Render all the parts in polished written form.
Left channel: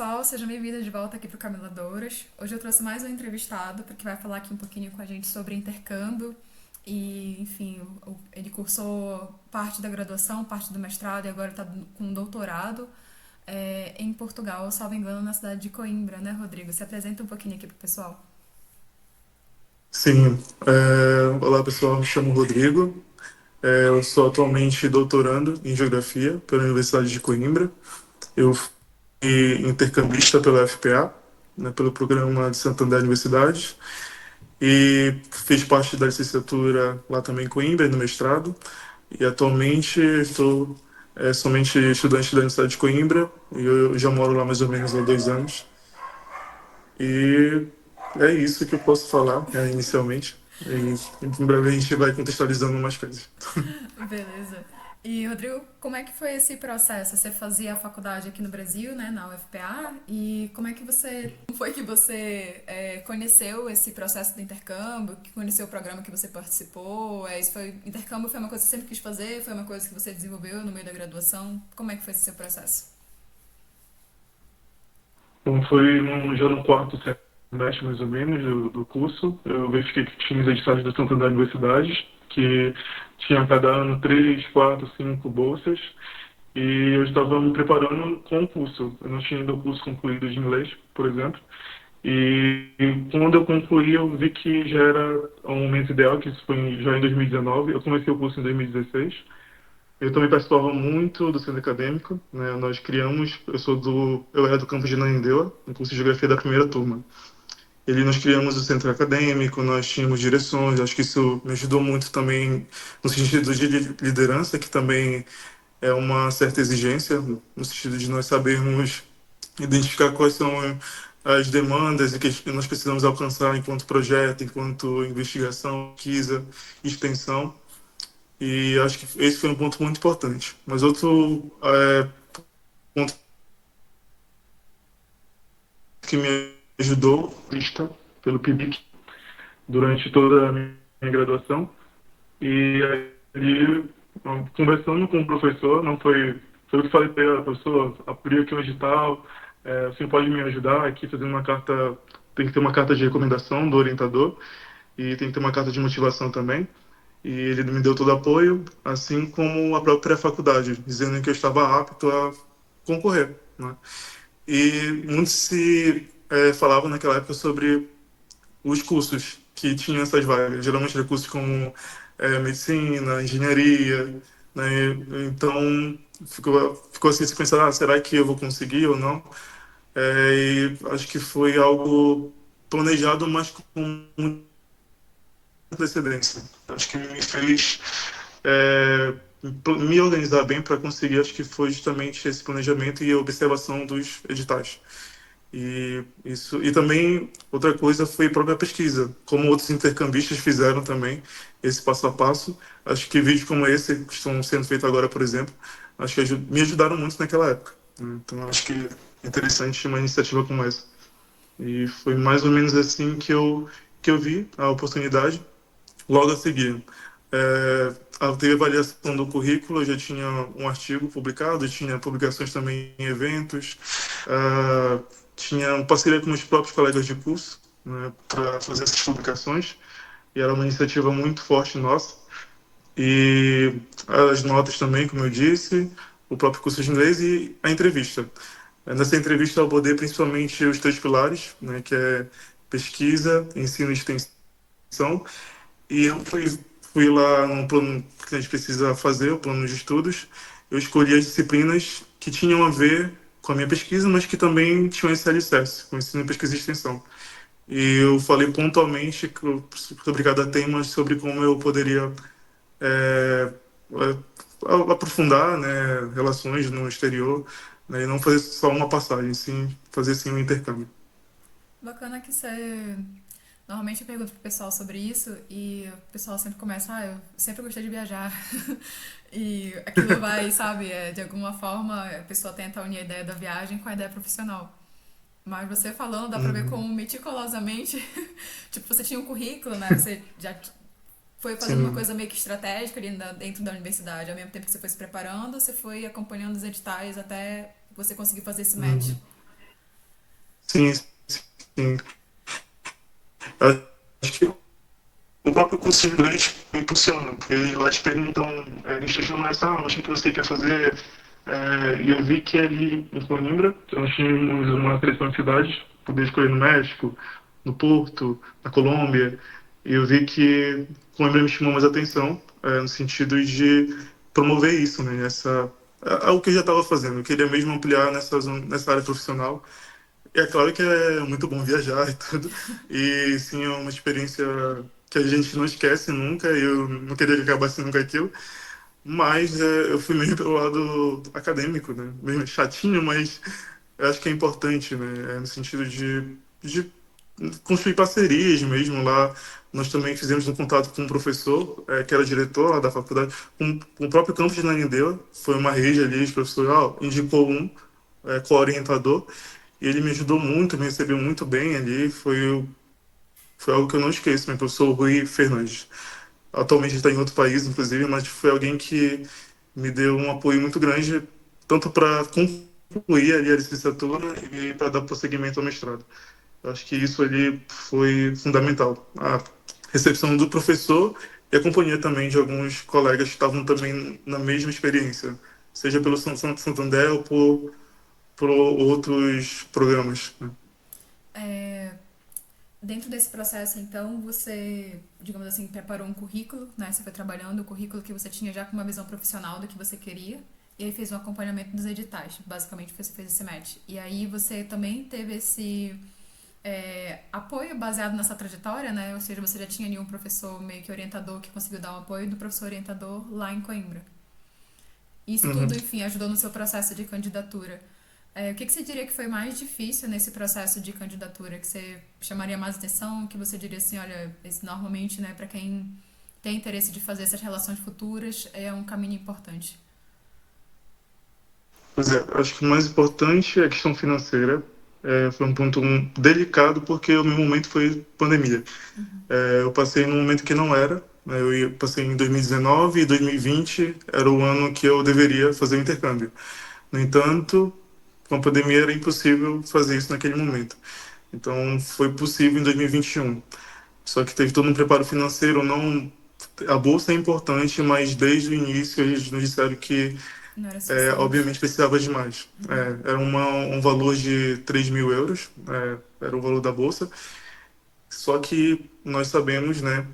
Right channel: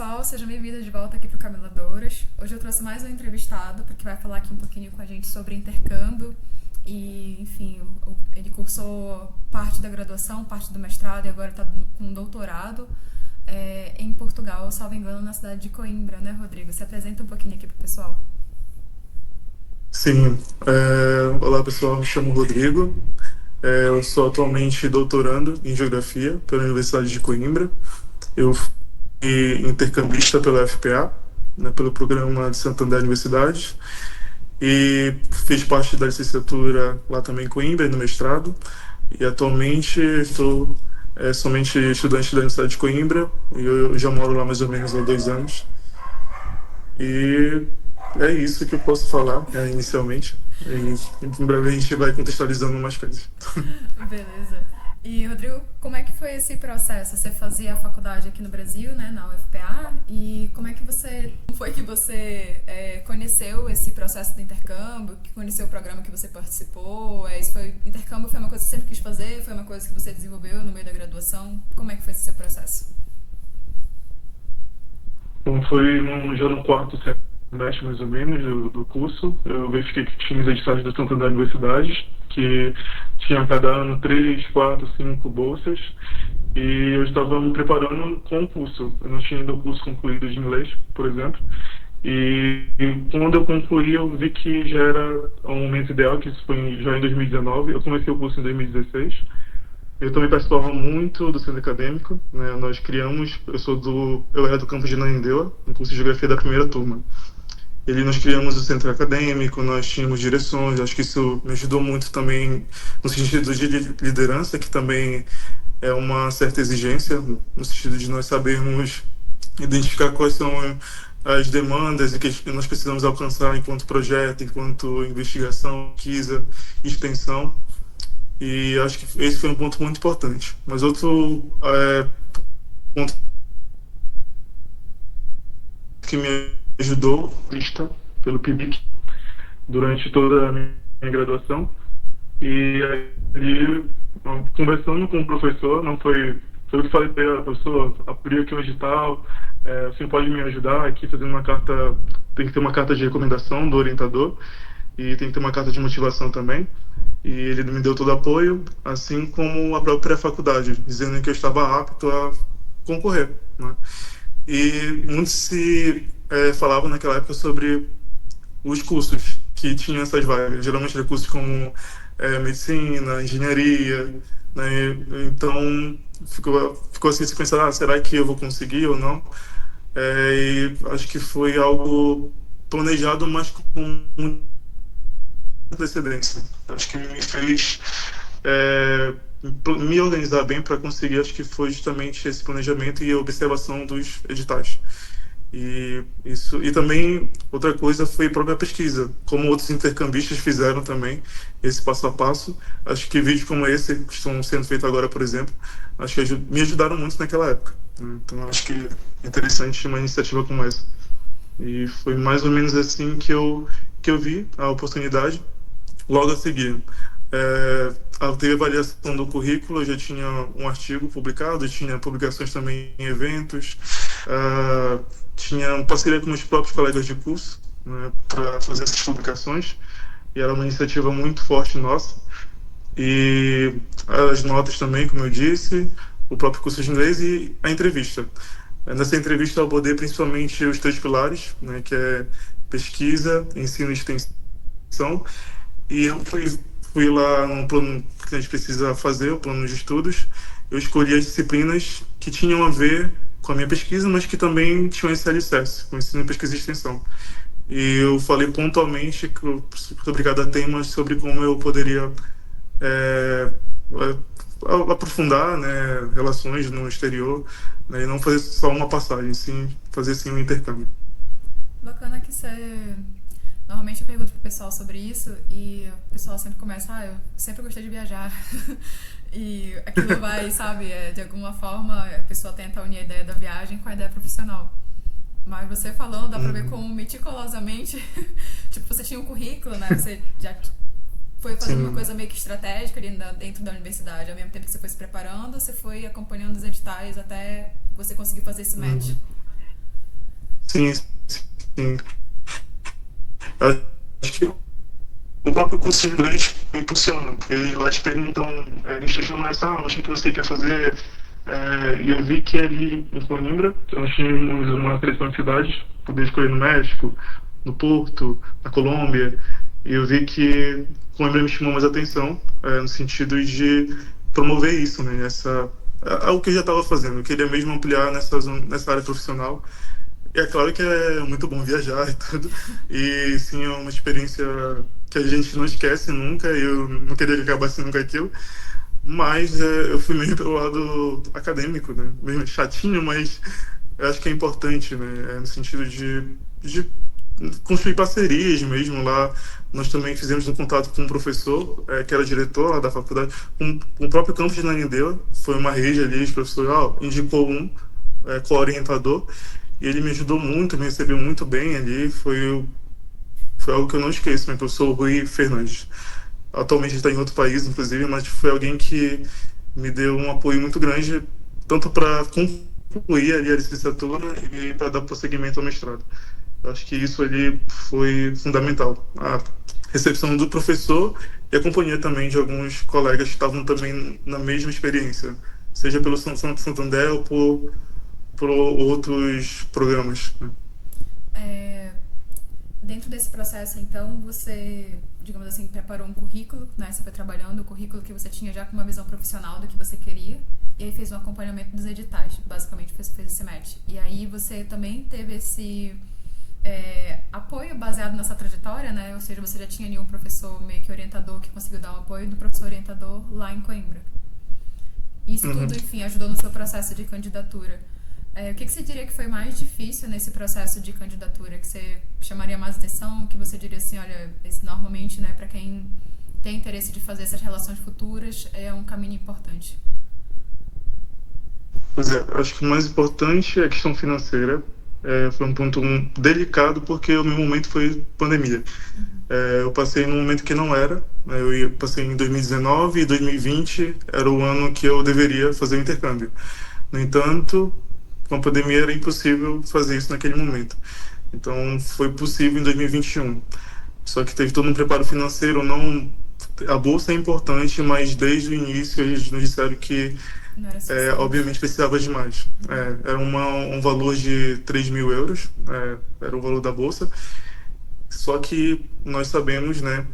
pessoal, sejam bem-vindos de volta aqui para o Cameladouras. Hoje eu trouxe mais um entrevistado, porque vai falar aqui um pouquinho com a gente sobre intercâmbio e, enfim, ele cursou parte da graduação, parte do mestrado e agora está com um doutorado em Portugal, salvo engano, na cidade de Coimbra, né, Rodrigo? Se apresenta um pouquinho aqui para o pessoal. Sim, olá pessoal, me chamo Rodrigo. Eu sou atualmente doutorando em Geografia pela Universidade de Coimbra. Eu fui intercambista pela FPA, né, pelo programa de Santander Universidades, e fiz parte da licenciatura lá também em Coimbra, e no mestrado. E atualmente estou somente estudante da Universidade de Coimbra, e eu já moro lá mais ou menos há 2 anos. E é isso que eu posso falar, inicialmente. E em breve a gente vai contextualizando mais coisas. Beleza. E, Rodrigo, como é que foi esse processo? Você fazia a faculdade aqui no Brasil, né, na UFPA, e como foi que você conheceu esse processo de intercâmbio, que conheceu o programa que você participou? Intercâmbio foi uma coisa que você sempre quis fazer? Foi uma coisa que você desenvolveu no meio da graduação? Como é que foi esse seu processo? Então, foi já no quarto semestre, mais ou menos, do curso. Eu verifiquei que tinha os editais da Santander Universidades, que tinha a cada ano 3, 4, 5 bolsas. E eu estava me preparando com o curso. Eu não tinha ainda o curso concluído de inglês, por exemplo. E quando eu concluí, eu vi que já era o momento ideal, que isso foi já em 2019. Eu comecei o curso em 2016. Eu também participava muito do centro acadêmico, né? Nós criamos, eu era do campus de Ananindeua, no curso de Geografia da primeira turma. Nós criamos o centro acadêmico, nós tínhamos direções, acho que isso me ajudou muito também no sentido de liderança, que também é uma certa exigência, no sentido de nós sabermos identificar quais são as demandas e que nós precisamos alcançar enquanto projeto, enquanto investigação, pesquisa, extensão. E acho que esse foi um ponto muito importante. Mas outro ponto que me ajudou, vista pelo PIBIC, durante toda a minha graduação. E ali, conversando com o professor, não foi eu que falei para ele: professor, abri aqui um edital, você pode me ajudar aqui fazendo uma carta, tem que ter uma carta de recomendação do orientador e tem que ter uma carta de motivação também. E ele me deu todo o apoio, assim como a própria faculdade, dizendo que eu estava apto a concorrer, né? E muito se falava naquela época sobre os cursos que tinham essas vagas. Geralmente eram cursos como medicina, engenharia, né? Então ficou assim se pensar: será que eu vou conseguir ou não? E acho que foi algo planejado, mas com muita antecedência. Acho que me fez é, me organizar bem para conseguir. Acho que foi justamente esse planejamento e a observação dos editais. E também outra coisa foi a própria pesquisa, como outros intercambistas fizeram também esse passo a passo. Acho que vídeos como esse que estão sendo feitos agora, por exemplo, acho que me ajudaram muito naquela época, né? Então acho que é interessante uma iniciativa como essa. E foi mais ou menos assim que eu vi a oportunidade. Logo a seguir, teve avaliação do currículo. Eu já tinha um artigo publicado, tinha publicações também em eventos, tinha parceria com os próprios colegas de curso, né, para fazer essas publicações, e era uma iniciativa muito forte nossa. E as notas também, como eu disse, o próprio curso de inglês e a entrevista. Nessa entrevista eu abordei principalmente os três pilares, né, que é pesquisa, ensino e extensão. E eu fui lá no plano que a gente precisa fazer, o plano de estudos. Eu escolhi as disciplinas que tinham a ver com a minha pesquisa, mas que também tinham esse alicerce, com ensino, pesquisa e extensão. E eu falei pontualmente, muito obrigado a temas sobre como eu poderia é, aprofundar, né, relações no exterior, né, e não fazer só uma passagem, sim fazer sim um intercâmbio. Bacana que você. Normalmente eu pergunto pro pessoal sobre isso e o pessoal sempre começa: eu sempre gostei de viajar. E aquilo vai, sabe, de alguma forma a pessoa tenta unir a ideia da viagem com a ideia profissional. Mas você falando, dá pra ver como Uhum. meticulosamente, tipo, você tinha um currículo, né? Você já foi fazendo uma Sim. coisa meio que estratégica ali dentro da universidade. Ao mesmo tempo que você foi se preparando, você foi acompanhando os editais até você conseguir fazer esse match. Uhum. sim, sim. Acho que o próprio curso de inglês impulsiona, porque lá te perguntam, eles te chamam essa, o que você quer fazer? E eu vi que ali em Coimbra, nós tínhamos uma seleção de cidades, poder escolher no México, no Porto, na Colômbia, e eu vi que Coimbra me chamou mais atenção, no sentido de promover isso, né? Algo que eu já estava fazendo, eu queria mesmo ampliar nessa área profissional. E é claro que é muito bom viajar e tudo. E sim, é uma experiência que a gente não esquece nunca. Eu não queria que acabasse nunca aquilo. Mas eu fui meio pelo lado acadêmico, né? Meio chatinho, mas eu acho que é importante, né? No sentido de construir parcerias mesmo lá. Nós também fizemos um contato com um professor, que era diretor lá da faculdade, com o próprio campus de Nanindeua. Foi uma rede ali, os professores indicou um co-orientador. E ele me ajudou muito, me recebeu muito bem ali. Foi algo que eu não esqueço, meu professor Rui Fernandes. Atualmente ele está em outro país, inclusive, mas foi alguém que me deu um apoio muito grande, tanto para concluir ali a licenciatura e para dar prosseguimento ao mestrado. Eu acho que isso ali foi fundamental. A recepção do professor e a companhia também de alguns colegas que estavam também na mesma experiência, seja pelo Santander ou por outros programas, né? É, dentro desse processo, então, você, digamos assim, preparou um currículo, né? Você foi trabalhando o currículo que você tinha já com uma visão profissional do que você queria, e aí fez um acompanhamento dos editais. Basicamente, você fez esse match. E aí você também teve esse apoio baseado nessa trajetória, né? Ou seja, você já tinha ali um professor meio que orientador que conseguiu dar um apoio do professor orientador lá em Coimbra. Isso Uhum. tudo, enfim, ajudou no seu processo de candidatura. O que você diria que foi mais difícil nesse processo de candidatura? Que você chamaria mais atenção? Que você diria assim, olha, normalmente, né, para quem tem interesse de fazer essas relações futuras, é um caminho importante. Pois é, acho que o mais importante é a questão financeira. Foi um ponto delicado porque o meu momento foi pandemia. Uhum. Eu passei num momento que não era, né, passei em 2019 e 2020 era o ano que eu deveria fazer o intercâmbio. No entanto, com a pandemia era impossível fazer isso naquele momento. Então foi possível em 2021. Só que teve todo um preparo financeiro, não. A bolsa é importante, mas desde o início eles nos disseram que Não era suficiente. obviamente precisava de mais. Era um valor de 3.000 euros, era o valor da bolsa. Só que nós sabemos, né,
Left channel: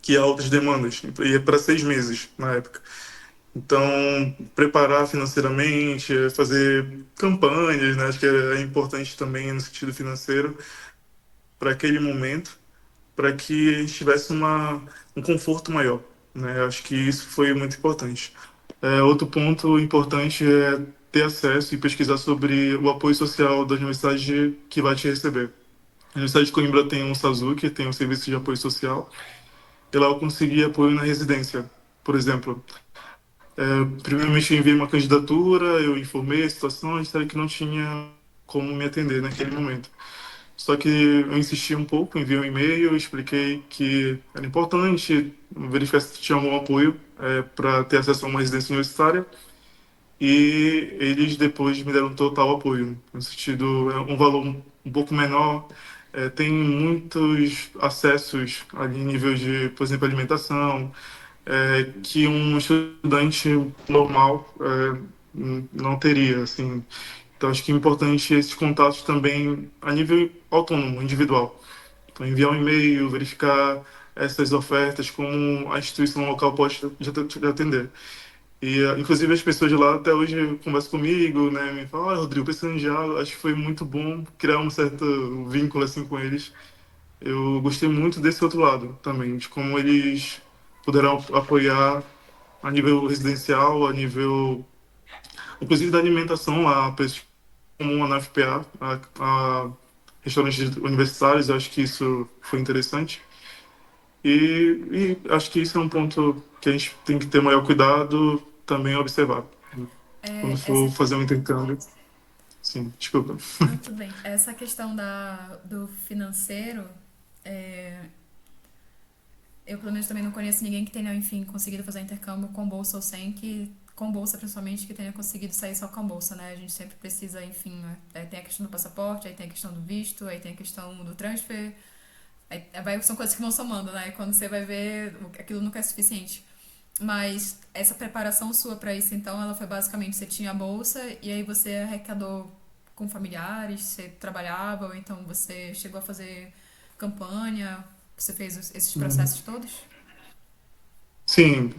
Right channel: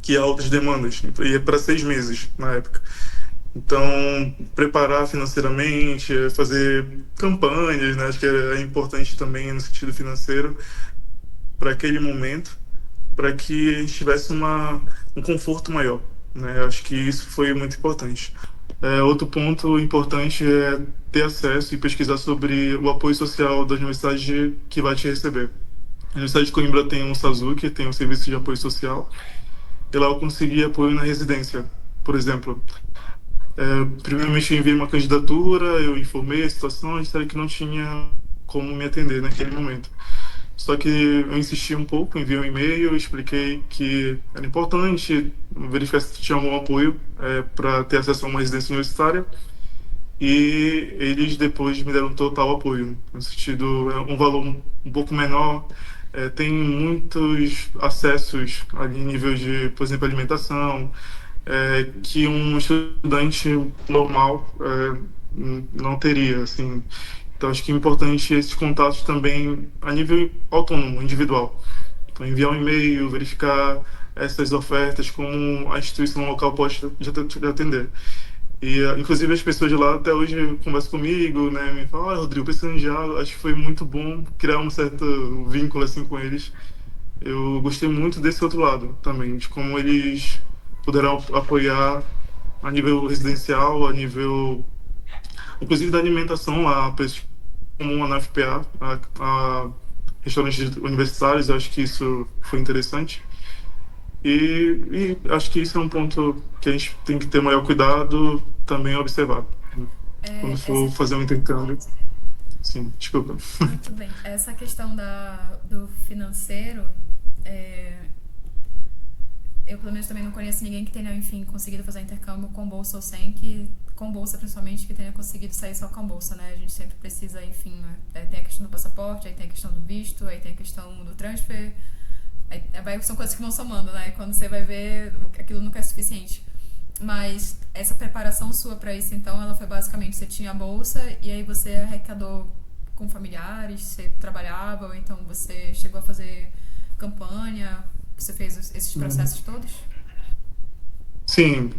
que há outras demandas, e é para 6 meses na época. Então, preparar financeiramente, fazer campanhas, né, acho que é importante também no sentido financeiro para aquele momento, para que a gente tivesse um conforto maior, né? Acho que isso foi muito importante. Outro ponto importante é ter acesso e pesquisar sobre o apoio social da universidade que vai te receber. A Universidade de Coimbra tem um SASU, tem um serviço de apoio social, e lá eu consegui apoio na residência. Por exemplo, primeiramente eu enviei uma candidatura, eu informei a situação, e disseram que não tinha como me atender naquele momento. Só que eu insisti um pouco, enviei um e-mail, expliquei que era importante verificar se tinha algum apoio para ter acesso a uma residência universitária, e eles depois me deram total apoio. No sentido, é um valor um pouco menor, tem muitos acessos ali em nível de, por exemplo, alimentação, que um estudante normal não teria, assim. Então, acho que é importante esses contatos também a nível autônomo, individual. Então, enviar um e-mail, verificar essas ofertas, como a instituição local pode te atender. E, inclusive, as pessoas de lá até hoje conversam comigo, né? Me falam, Rodrigo, precisando de algo. Acho que foi muito bom criar um certo vínculo assim com eles. Eu gostei muito desse outro lado também, de como eles puderam apoiar a nível residencial, a nível, inclusive da alimentação lá, preços como na FPA, a restaurantes universitários. Eu acho que isso foi interessante. E acho que isso é um ponto que a gente tem que ter maior cuidado também observar, né? Quando Essa for fazer um intercâmbio. Sim, desculpa. Não, tudo bem. Essa questão do financeiro, é, eu pelo menos também não conheço ninguém que tenha, enfim, conseguido fazer intercâmbio com bolsa ou sem, que com bolsa principalmente, que tenha conseguido sair só com bolsa, né? A gente sempre precisa, enfim, tem a questão do passaporte, aí tem a questão do visto, aí tem a questão do transfer, são coisas que vão somando, né? E quando você vai ver, aquilo nunca é suficiente. Mas essa preparação sua para isso, então, ela foi basicamente, você tinha a bolsa e aí você arrecadou com familiares, você trabalhava, ou então você chegou a fazer campanha, você fez esses processos todos? Sim,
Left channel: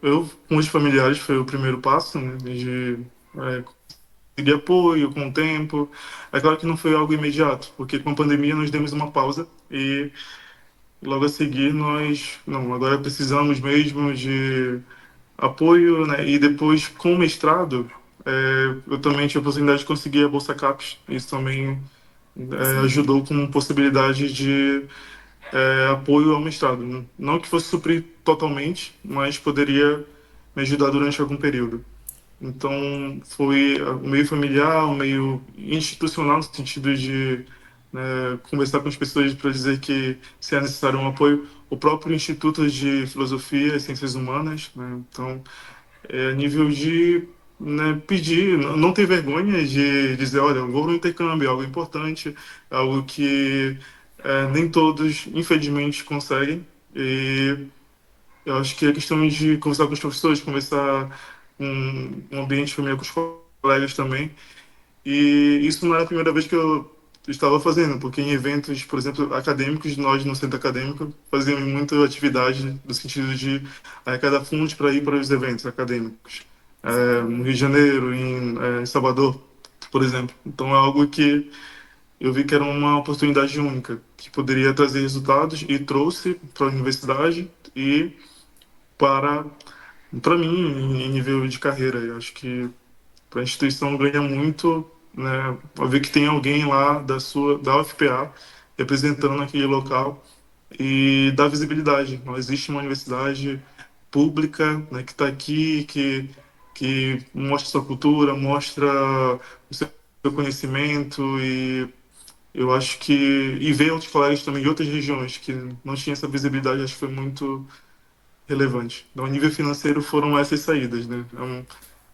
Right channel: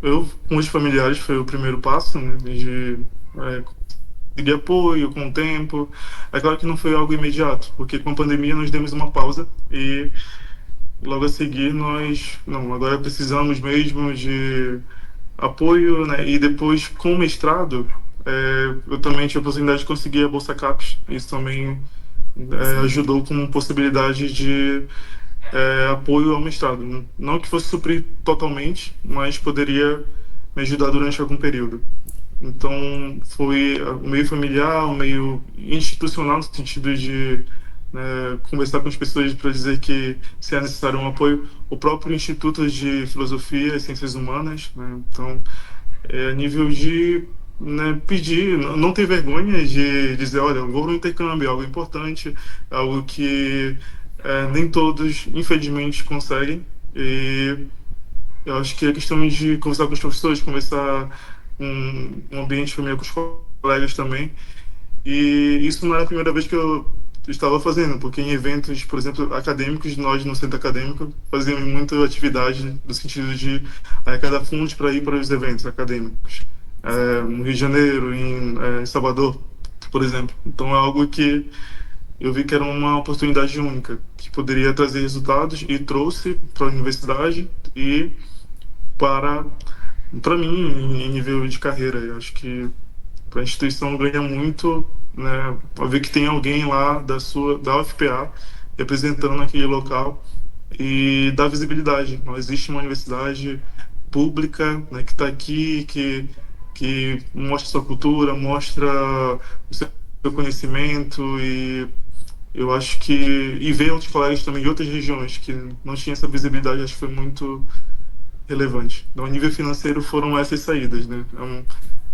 eu com os familiares foi o primeiro passo, né, de conseguir apoio com o tempo. É claro que não foi algo imediato, porque com a pandemia nós demos uma pausa e logo a seguir nós, não, agora precisamos mesmo de apoio, né? E depois com o mestrado, eu também tive a oportunidade de conseguir a Bolsa CAPES. Isso também Sim, ajudou com possibilidade de apoio ao mestrado. Não que fosse suprir totalmente, mas poderia me ajudar durante algum período. Então, foi o meio familiar, o meio institucional, no sentido de conversar com as pessoas para dizer que se é necessário um apoio. O próprio Instituto de Filosofia e Ciências Humanas, né? Então, a nível de pedir, não ter vergonha de dizer, olha, eu vou no intercâmbio, é algo importante, algo que nem todos, infelizmente, conseguem. E eu acho que é questão de conversar com os professores, conversar com um ambiente familiar, com os colegas também. E isso não era a primeira vez que eu estava fazendo, porque em eventos, por exemplo, acadêmicos, nós no centro acadêmico fazíamos muita atividade no sentido de arrecadar fundos para ir para os eventos acadêmicos. sim. No Rio de Janeiro, em Salvador, por exemplo. Então é algo que eu vi que era uma oportunidade única, que poderia trazer resultados e trouxe para a universidade e para para mim em nível de carreira. Eu acho que a instituição ganha muito, né, ao ver que tem alguém lá da UFPA representando aquele local e dá visibilidade. Não existe uma universidade pública, né, que está aqui, que mostra sua cultura, mostra o seu conhecimento e eu acho que e ver outros colegas também de outras regiões que não tinham essa visibilidade, acho que foi muito relevante. Então, a nível financeiro foram essas saídas, né?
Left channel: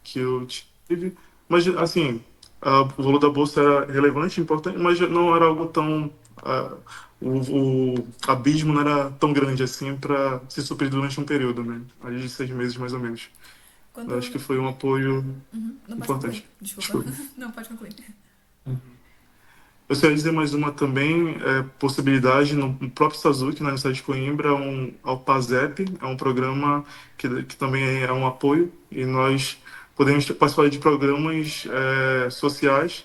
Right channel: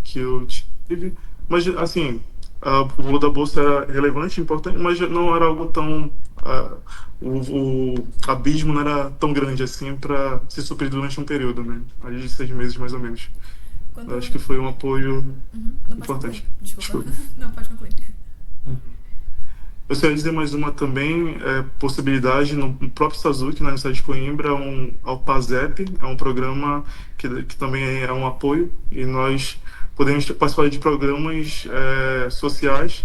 Que eu tive. Mas, assim, o valor da bolsa era relevante, importante, mas não era algo tão. ah, o abismo não era tão grande assim para se suprir durante um período, né? Ali de 6 meses, mais ou menos. Eu acho Quando. que foi um apoio Uhum, não pode concluir, importante. desculpa. Desculpa. Não, pode concluir. Eu só ia dizer mais uma também, possibilidade no próprio Sazuki, na Universidade de Coimbra, ao PASEP, é um programa que também é um apoio, e nós podemos participar de programas sociais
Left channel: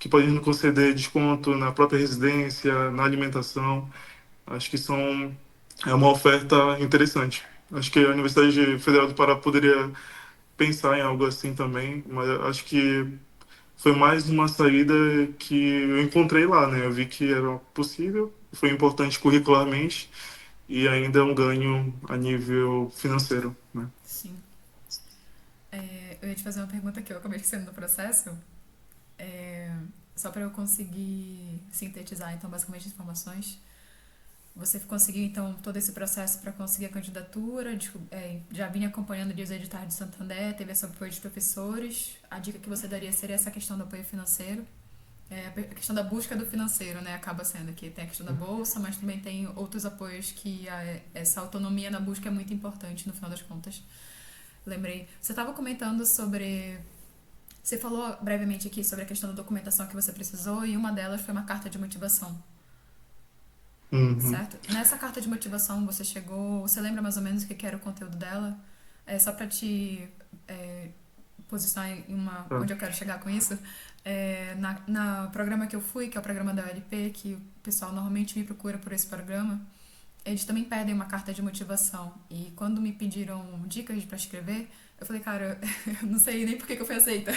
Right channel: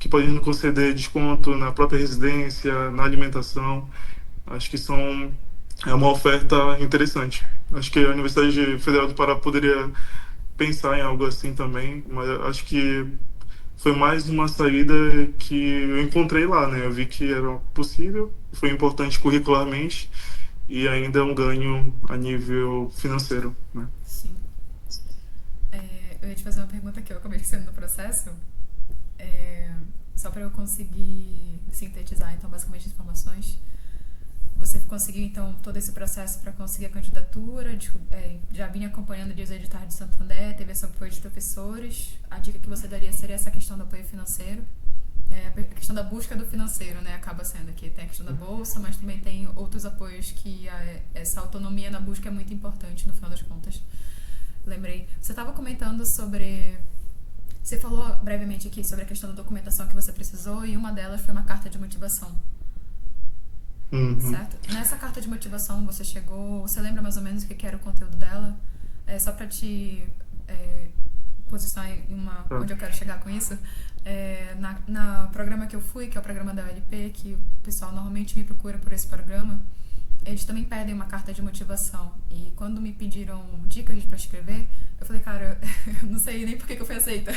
que podem nos conceder desconto na própria residência, na alimentação. Acho que é uma oferta interessante. Acho que a Universidade Federal do Pará poderia pensar em algo assim também, mas acho que foi mais uma saída que eu encontrei lá, né? Eu vi que era possível, foi importante curricularmente e ainda é um ganho a nível financeiro, né? Sim. Eu ia te fazer uma pergunta que eu acabei esquecendo no processo. É, só para eu conseguir sintetizar, então, basicamente, as informações. Você conseguiu, então, todo esse processo para conseguir a candidatura, já vinha acompanhando os editais de Santander, teve esse apoio de professores. A dica que você daria seria essa questão do apoio financeiro. A questão da busca do financeiro, né, acaba sendo que tem a questão da bolsa, mas também tem outros apoios que essa autonomia na busca é muito importante no final das contas. Lembrei. Você estava comentando sobre... Você falou brevemente aqui sobre a questão da documentação que você precisou e uma delas foi uma carta de motivação. Uhum. Certo? Nessa carta de motivação você chegou... Você lembra mais ou menos o que era o conteúdo dela? Só para te posicionar Tá. onde eu quero chegar com isso. Na programa que eu fui, que é o programa da ULP, que o pessoal normalmente me procura por esse programa, eles também pedem uma carta de motivação. E quando me pediram dicas para escrever, eu falei, cara, eu não sei nem por que eu fui aceita.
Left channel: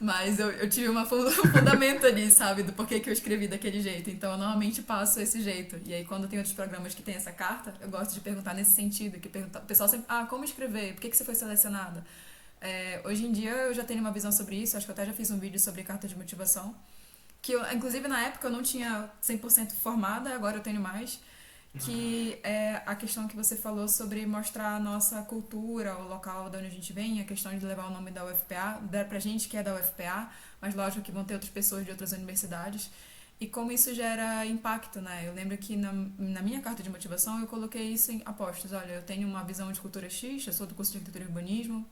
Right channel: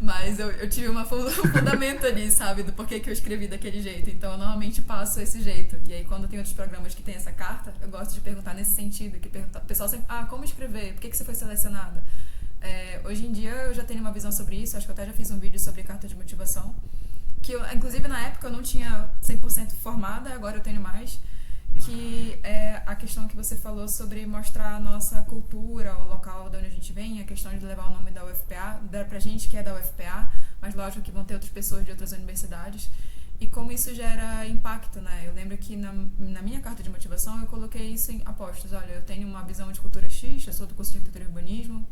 Mas eu tive um fundamento ali, sabe, do porquê que eu escrevi daquele jeito. Então, eu normalmente passo esse jeito. E aí, quando tem outros programas que tem essa carta, eu gosto de perguntar nesse sentido. O pessoal sempre, como escrever? Por que você foi selecionada? Hoje em dia, eu já tenho uma visão sobre isso. Acho que eu até já fiz um vídeo sobre carta de motivação. Que, inclusive, na época, eu não tinha 100% formada. Agora eu tenho mais. que é a questão que você falou sobre mostrar a nossa cultura, o local de onde a gente vem, a questão de levar o nome da UFPA, dar pra gente que é da UFPA, mas lógico que vão ter outras pessoas de outras universidades, e como isso gera impacto, né? Eu lembro que na minha carta de motivação eu coloquei isso em apostos. Olha, eu tenho uma visão de cultura X, eu sou do curso de arquitetura e urbanismo,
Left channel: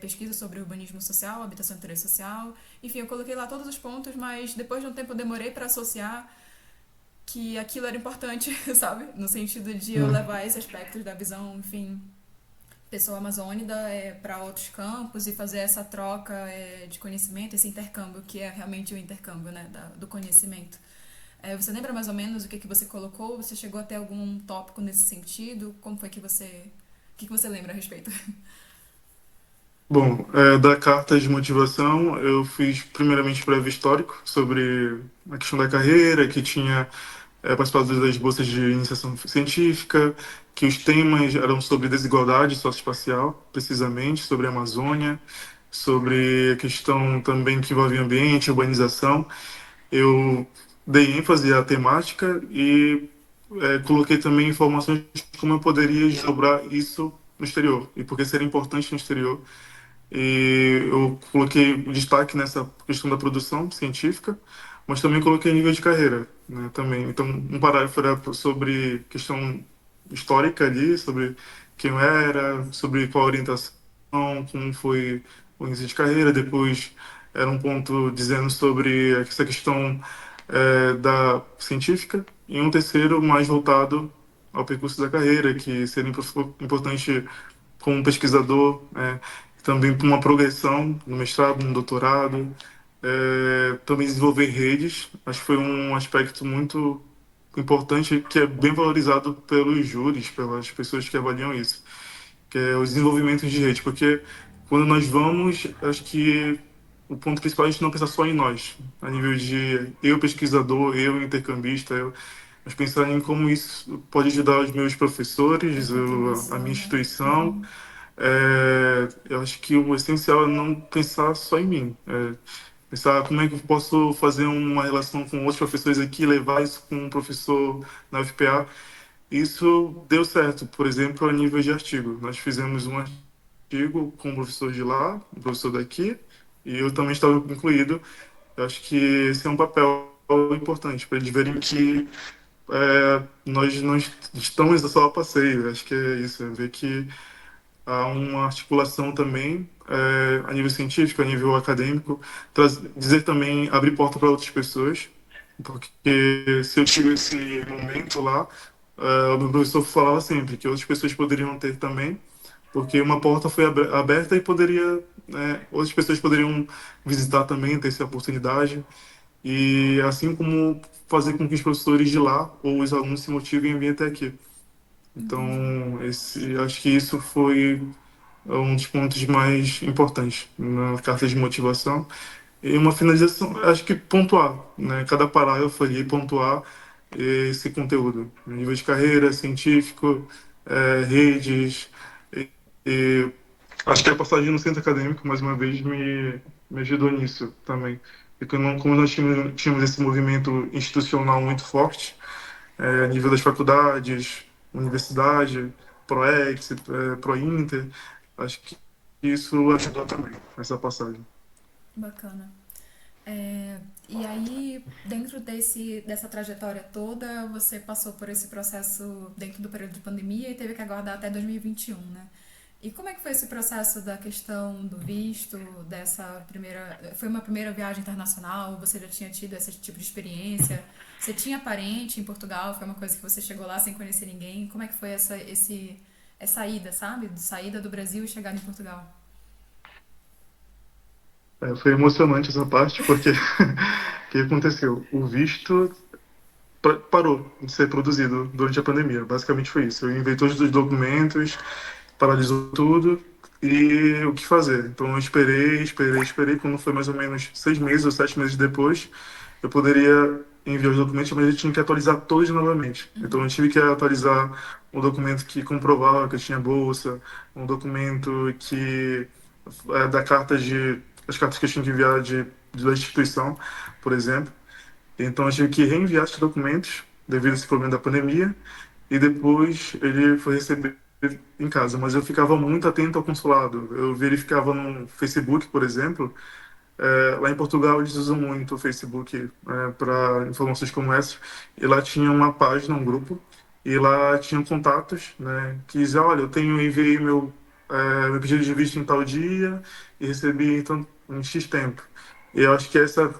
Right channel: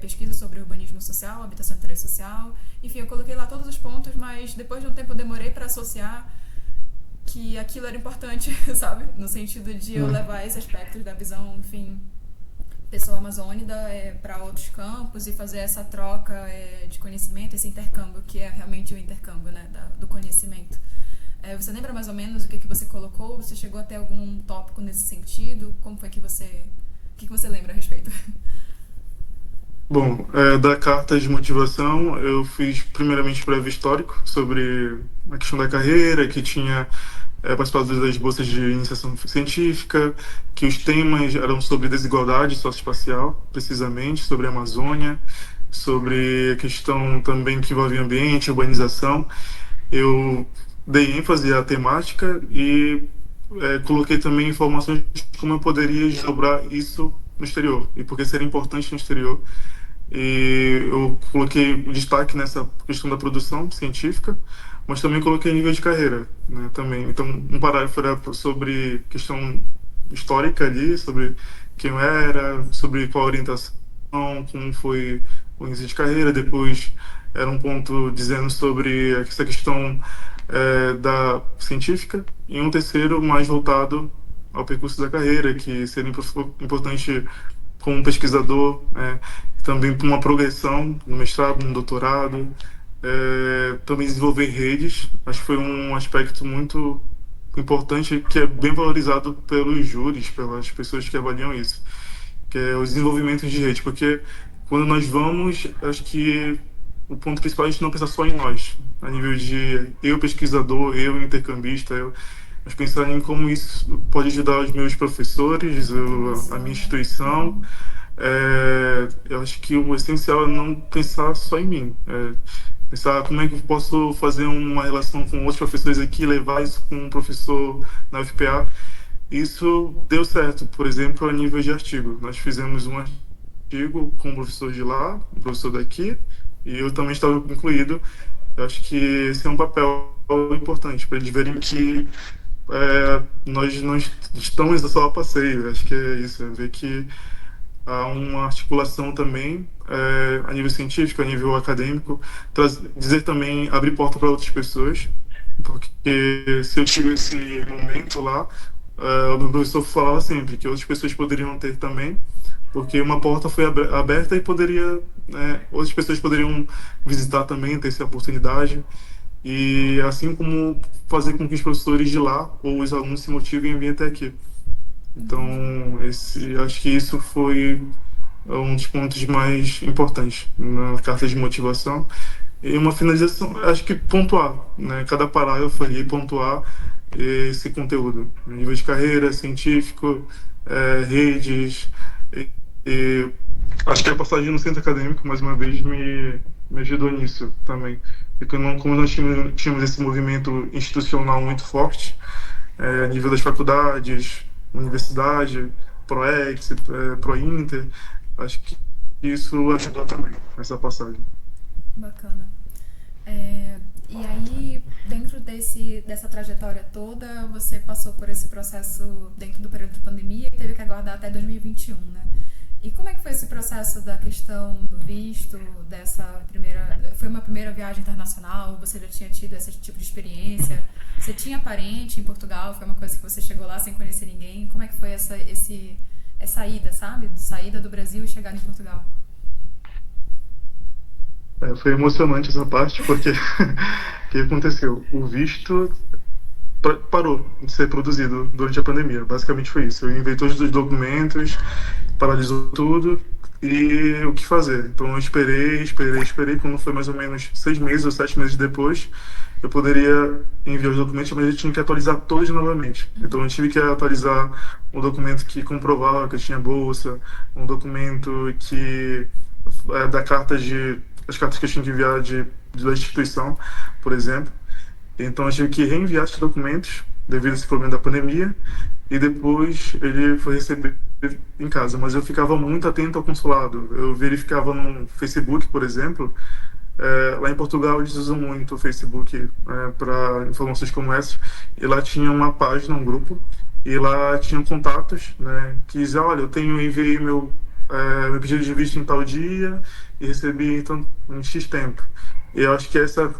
pesquisa sobre urbanismo social, habitação e interesse social. Enfim, eu coloquei lá todos os pontos, mas depois de um tempo eu demorei para associar que aquilo era importante, sabe? No sentido de eu Hum. levar esses aspectos da visão, enfim, pessoa amazônida para outros campos e fazer essa troca de conhecimento, esse intercâmbio, que é realmente o intercâmbio, né, do conhecimento. Você lembra mais ou menos o que você colocou? Você chegou a ter algum tópico nesse sentido? Como foi que você... O que você lembra a respeito? Bom, da carta de motivação, eu fiz primeiramente breve histórico sobre a questão da carreira, que tinha participado das bolsas de iniciação científica, que os temas eram sobre desigualdade socioespacial, precisamente, sobre a Amazônia, sobre a questão também que envolve ambiente, urbanização. Eu dei ênfase à temática e coloquei também informações de como eu poderia desdobrar isso no exterior e por que seria importante no exterior. E eu coloquei o destaque nessa questão da produção científica, mas também coloquei nível de carreira, né, também. Então, um parágrafo era sobre questão histórica ali, sobre quem eu era, sobre qual a orientação, como foi o início de carreira. Depois era um ponto dizendo sobre essa questão da científica, e um terceiro mais voltado ao percurso da carreira, que seria importante como pesquisador, também para uma progressão no mestrado, no doutorado, também desenvolver redes. Acho que foi um aspecto muito importante que é bem valorizado pelos júris, pelas pessoas que avaliam isso, que é o desenvolvimento de rede, porque quando nós vamos, acho que o ponto principal é a gente não pensar só em nós, a nível de eu pesquisador, eu intercambista, mas pensar em como isso pode ajudar os meus A professores, a contribuição, minha né? instituição. Uhum. Eu acho que o essencial é não pensar só em mim. Pensar como é que eu posso fazer uma relação com outros professores aqui, levar isso com um professor na UFPA. Isso deu certo, por exemplo, a nível de artigo. Nós fizemos um artigo com um professor de lá, um professor daqui, e eu também estava incluído. Eu acho que esse é um papel importante para eles verem que nós não estamos só a passeio. Eu acho que é isso, é ver que há uma articulação também a nível científico, a nível acadêmico, dizer também, abrir porta para outras pessoas, porque se eu tive esse momento lá, o meu professor falava sempre que outras pessoas poderiam ter também, porque uma porta foi aberta e poderia, outras pessoas poderiam visitar também, ter essa oportunidade, e assim como fazer com que os professores de lá ou os alunos se motivem a vir até aqui. Entendi. Então, acho que isso foi um dos pontos mais importantes na carta de motivação. E uma finalização, acho que pontuar, né? Cada parágrafo ali, pontuar esse conteúdo, nível de carreira, científico, redes. E, e acho que a passagem no centro acadêmico, mais uma vez, me ajudou nisso também. Porque como nós tínhamos esse movimento institucional muito forte, a nível das faculdades, universidade, ProEx, ProInter. Acho que isso ajudou também, essa passagem. Bacana. E aí, dentro dessa trajetória toda, você passou por esse processo dentro do período de pandemia e teve que aguardar até 2021, né? E como é que foi esse processo da questão do visto, dessa primeira... Foi uma primeira viagem internacional? Você já tinha tido esse tipo de experiência? Você tinha parente em Portugal? Foi uma coisa que você chegou lá sem conhecer ninguém? Como é que foi essa ida, sabe? Saída do Brasil e chegada em Portugal? Foi emocionante essa parte, porque o que aconteceu? O visto parou de ser produzido durante a pandemia. Basicamente foi isso. Eu enviei todos os documentos, paralisou tudo e o que fazer. Então eu esperei. Quando foi mais ou menos 6 meses ou 7 meses depois, eu poderia enviar os documentos, mas eu tinha que atualizar todos novamente. Então eu tive que atualizar um documento que comprovava que eu tinha bolsa, um documento que da carta de as cartas que eu tinha que enviar da instituição, por exemplo. Então eu tive que reenviar esses documentos devido a esse problema da pandemia e depois ele foi receber em casa. Mas eu ficava muito atento ao consulado. Eu verificava no Facebook, por exemplo. Lá em Portugal eles usam muito o Facebook para informações como essas. E lá tinha uma página, um grupo, e lá tinham contatos, né, que diziam, olha, enviei meu pedido de visto em tal dia e recebi então, em X tempo. E eu acho que essa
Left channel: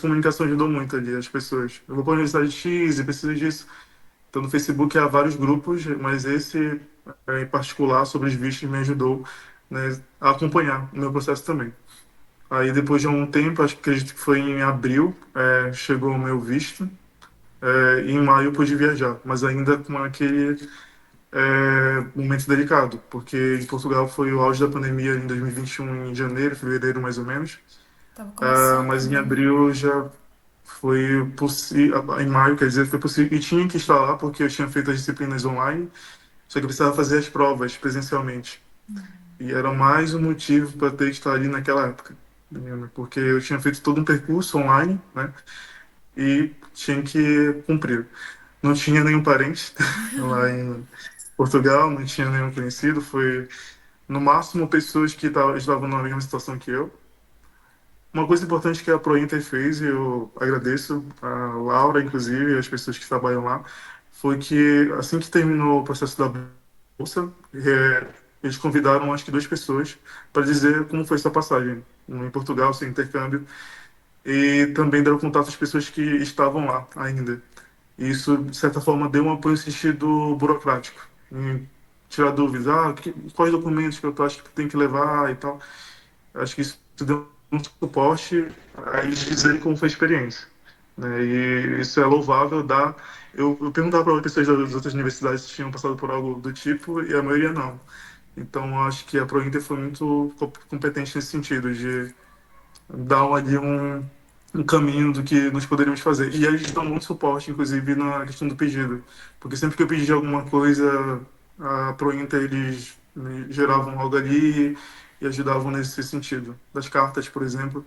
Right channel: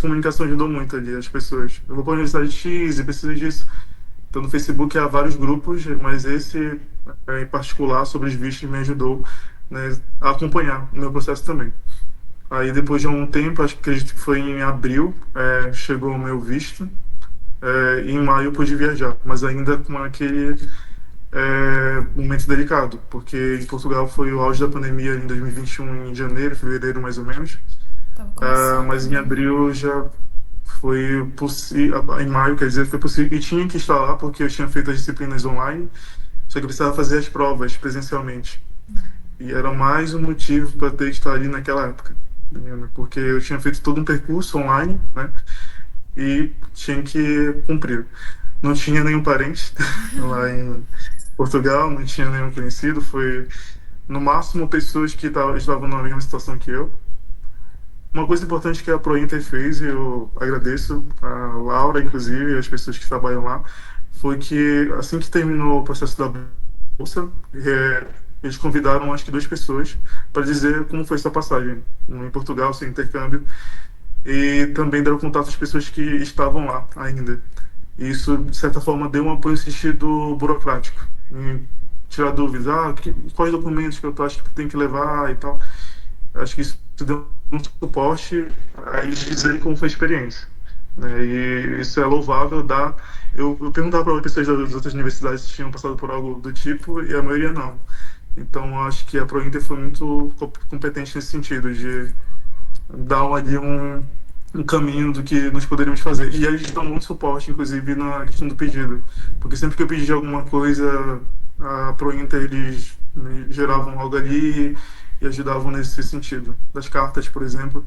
comunicação ajudou muito ali as pessoas. Eu vou para a Universidade X e preciso disso. Então, no Facebook há vários grupos, mas esse em particular sobre os vistos me ajudou, né, a acompanhar o meu processo também. Aí depois de um tempo, acho que acredito que foi em abril, chegou o meu visto, e em maio eu pude viajar, mas ainda com aquele momento delicado, porque em Portugal foi o auge da pandemia em 2021, em janeiro, fevereiro mais ou menos. Tava começando, Mas em né? abril já foi possível, em maio, quer dizer, foi possível, e tinha que estar lá porque eu tinha feito as disciplinas online, só que eu precisava fazer as provas presencialmente. E era mais um motivo para ter que estar ali naquela época, né? Porque eu tinha feito todo um percurso online, né? E tinha que cumprir. Não tinha nenhum parente lá em Portugal, não tinha nenhum conhecido, foi no máximo pessoas que estavam na mesma situação que eu. Uma coisa importante que a ProInter fez, e eu agradeço a Laura, inclusive, e as pessoas que trabalham lá, foi que assim que terminou o processo da bolsa, eles convidaram acho que duas pessoas para dizer como foi sua passagem em Portugal, seu intercâmbio, e também deram contato às pessoas que estavam lá ainda. E isso, de certa forma, deu um apoio no sentido burocrático, em tirar dúvidas, quais documentos que eu acho que tem que levar e tal. Acho que isso deu um suporte a eles dizerem como foi a experiência, né? E isso é louvável. Eu perguntava para pessoas das outras universidades se tinham passado por algo do tipo e a maioria não. Então, acho que a ProInter foi muito competente nesse sentido, de dar ali um caminho do que nós poderíamos fazer. E eles dão muito suporte, inclusive, na questão do pedido. Porque sempre que eu pedi alguma coisa, a ProInter, eles me geravam algo ali e ajudavam nesse sentido. Das cartas, por exemplo,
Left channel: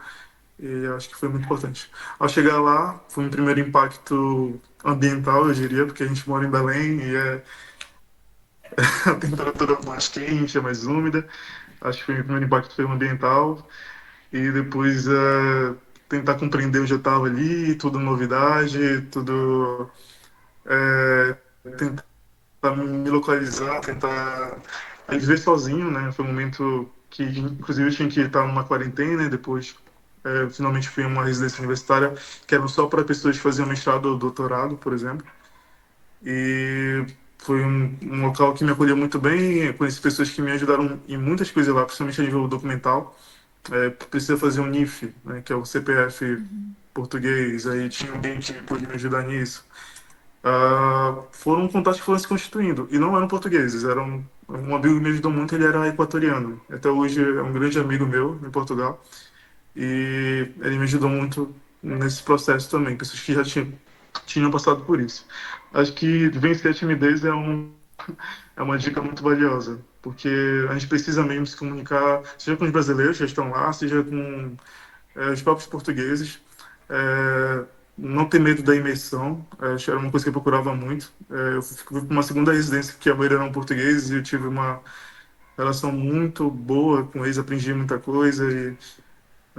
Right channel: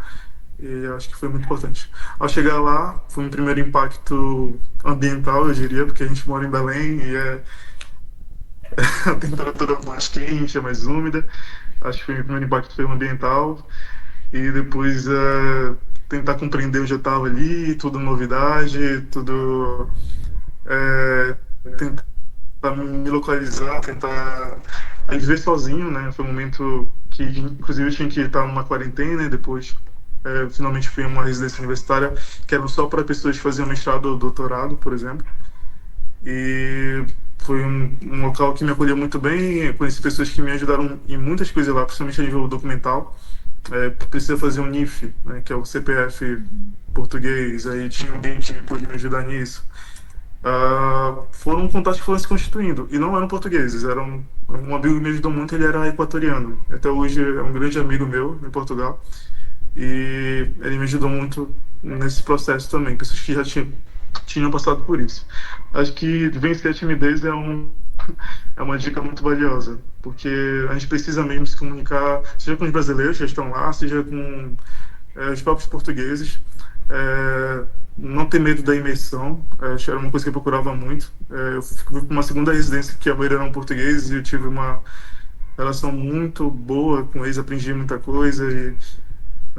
e acho que foi muito importante. Ao chegar lá, foi um primeiro impacto ambiental, eu diria, porque a gente mora em Belém e a temperatura mais quente, é mais úmida. Acho que foi o primeiro impacto foi o ambiental e depois tentar compreender onde eu estava ali, tudo novidade, tudo tentar me localizar, tentar viver sozinho, né? Foi um momento que, inclusive, eu tinha que estar numa quarentena e depois finalmente fui em uma residência universitária que era só para pessoas que faziam mestrado ou doutorado, por exemplo. E foi um local que me acolheu muito bem. Eu conheci pessoas que me ajudaram em muitas coisas lá, principalmente a nível documental. Precisa fazer um NIF, né, que é o CPF português, aí tinha alguém que podia me ajudar nisso. Foram contatos que foram se constituindo, e não eram portugueses, um amigo que me ajudou muito, ele era equatoriano, até hoje é um grande amigo meu em Portugal, e ele me ajudou muito nesse processo também, pessoas que já tinham passado por isso. Acho que vencer a timidez é uma dica muito valiosa, porque a gente precisa mesmo se comunicar, seja com os brasileiros que já estão lá, seja com os próprios portugueses. É, não ter medo da imersão, acho que era uma coisa que eu procurava muito. Eu fui para uma segunda residência que a maioria eram portugueses e eu tive uma relação muito boa com eles, aprendi muita coisa e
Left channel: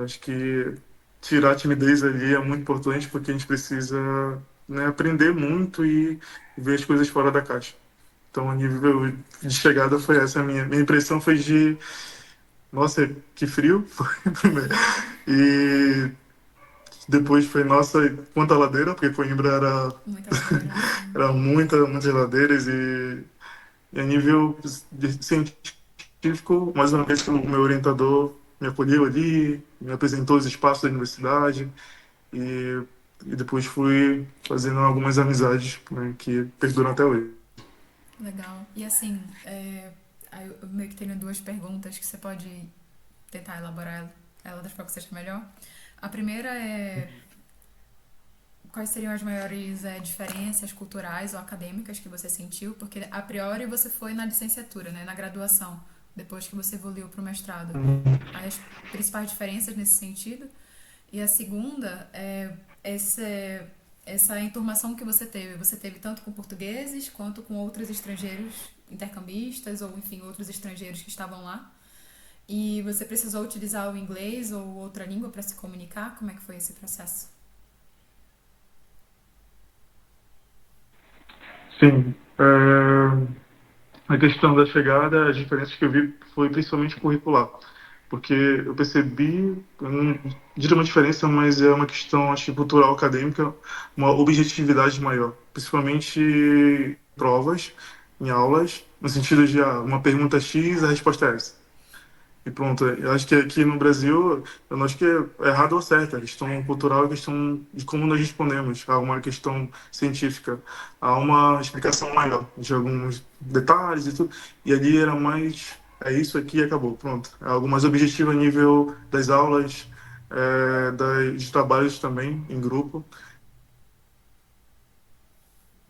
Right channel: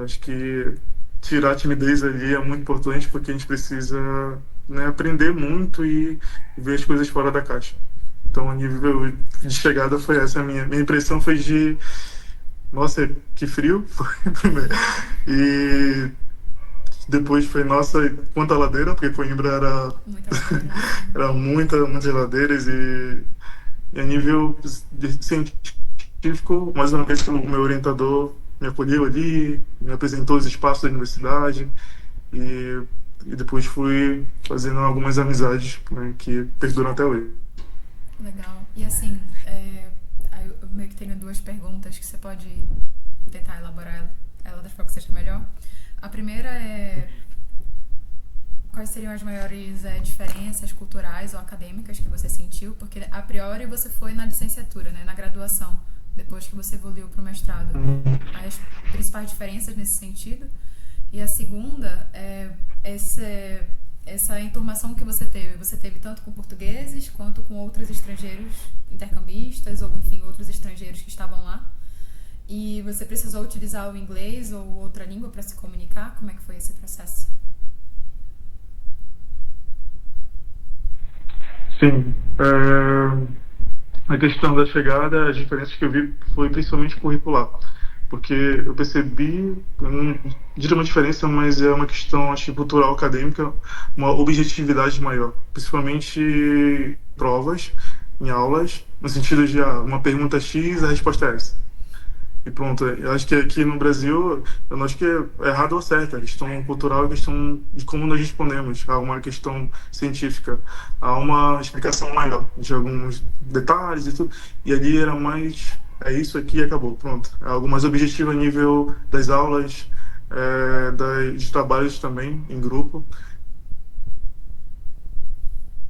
acho que tirar a timidez ali é muito importante porque a gente precisa, né, aprender muito e ver as coisas fora da caixa. Então, a nível de chegada foi essa. A minha impressão foi de, nossa, que frio. Foi primeiro. E depois foi, nossa, quanta ladeira, porque Coimbra Muita ladeira, sim. era muitas ladeiras. E a nível científico, mais uma vez, o meu orientador me acolheu ali, me apresentou os espaços da universidade. E, e depois fui fazendo algumas amizades, né, que perduram até hoje. Legal. E assim, aí eu meio que tenho duas perguntas que você pode tentar elaborar ela da forma que você acha melhor. A primeira é quais seriam as maiores diferenças culturais ou acadêmicas que você sentiu? Porque a priori você foi na licenciatura, né, na graduação, depois que você evoluiu para o mestrado. As principais diferenças nesse sentido. E a segunda é essa enturmação que você teve tanto com portugueses quanto com outros estrangeiros intercambistas ou, enfim, outros estrangeiros que estavam lá? E você precisou utilizar o inglês ou outra língua para se comunicar? Como é que foi esse processo? Sim. A questão da chegada, as diferenças que eu vi foi principalmente curricular, porque eu percebi, eu não diria uma diferença, mas é uma questão, acho que cultural, acadêmica, uma objetividade maior, principalmente em provas, em aulas, no sentido de uma pergunta X, a resposta é essa. E pronto, eu acho que aqui no Brasil, eu não acho que é errado ou certo, a questão cultural é a questão de como nós respondemos a uma questão científica, a uma explicação maior de alguns detalhes e tudo. E ali era mais, é isso aqui e acabou, pronto. É algo mais objetivo a nível das aulas, dos trabalhos também em grupo.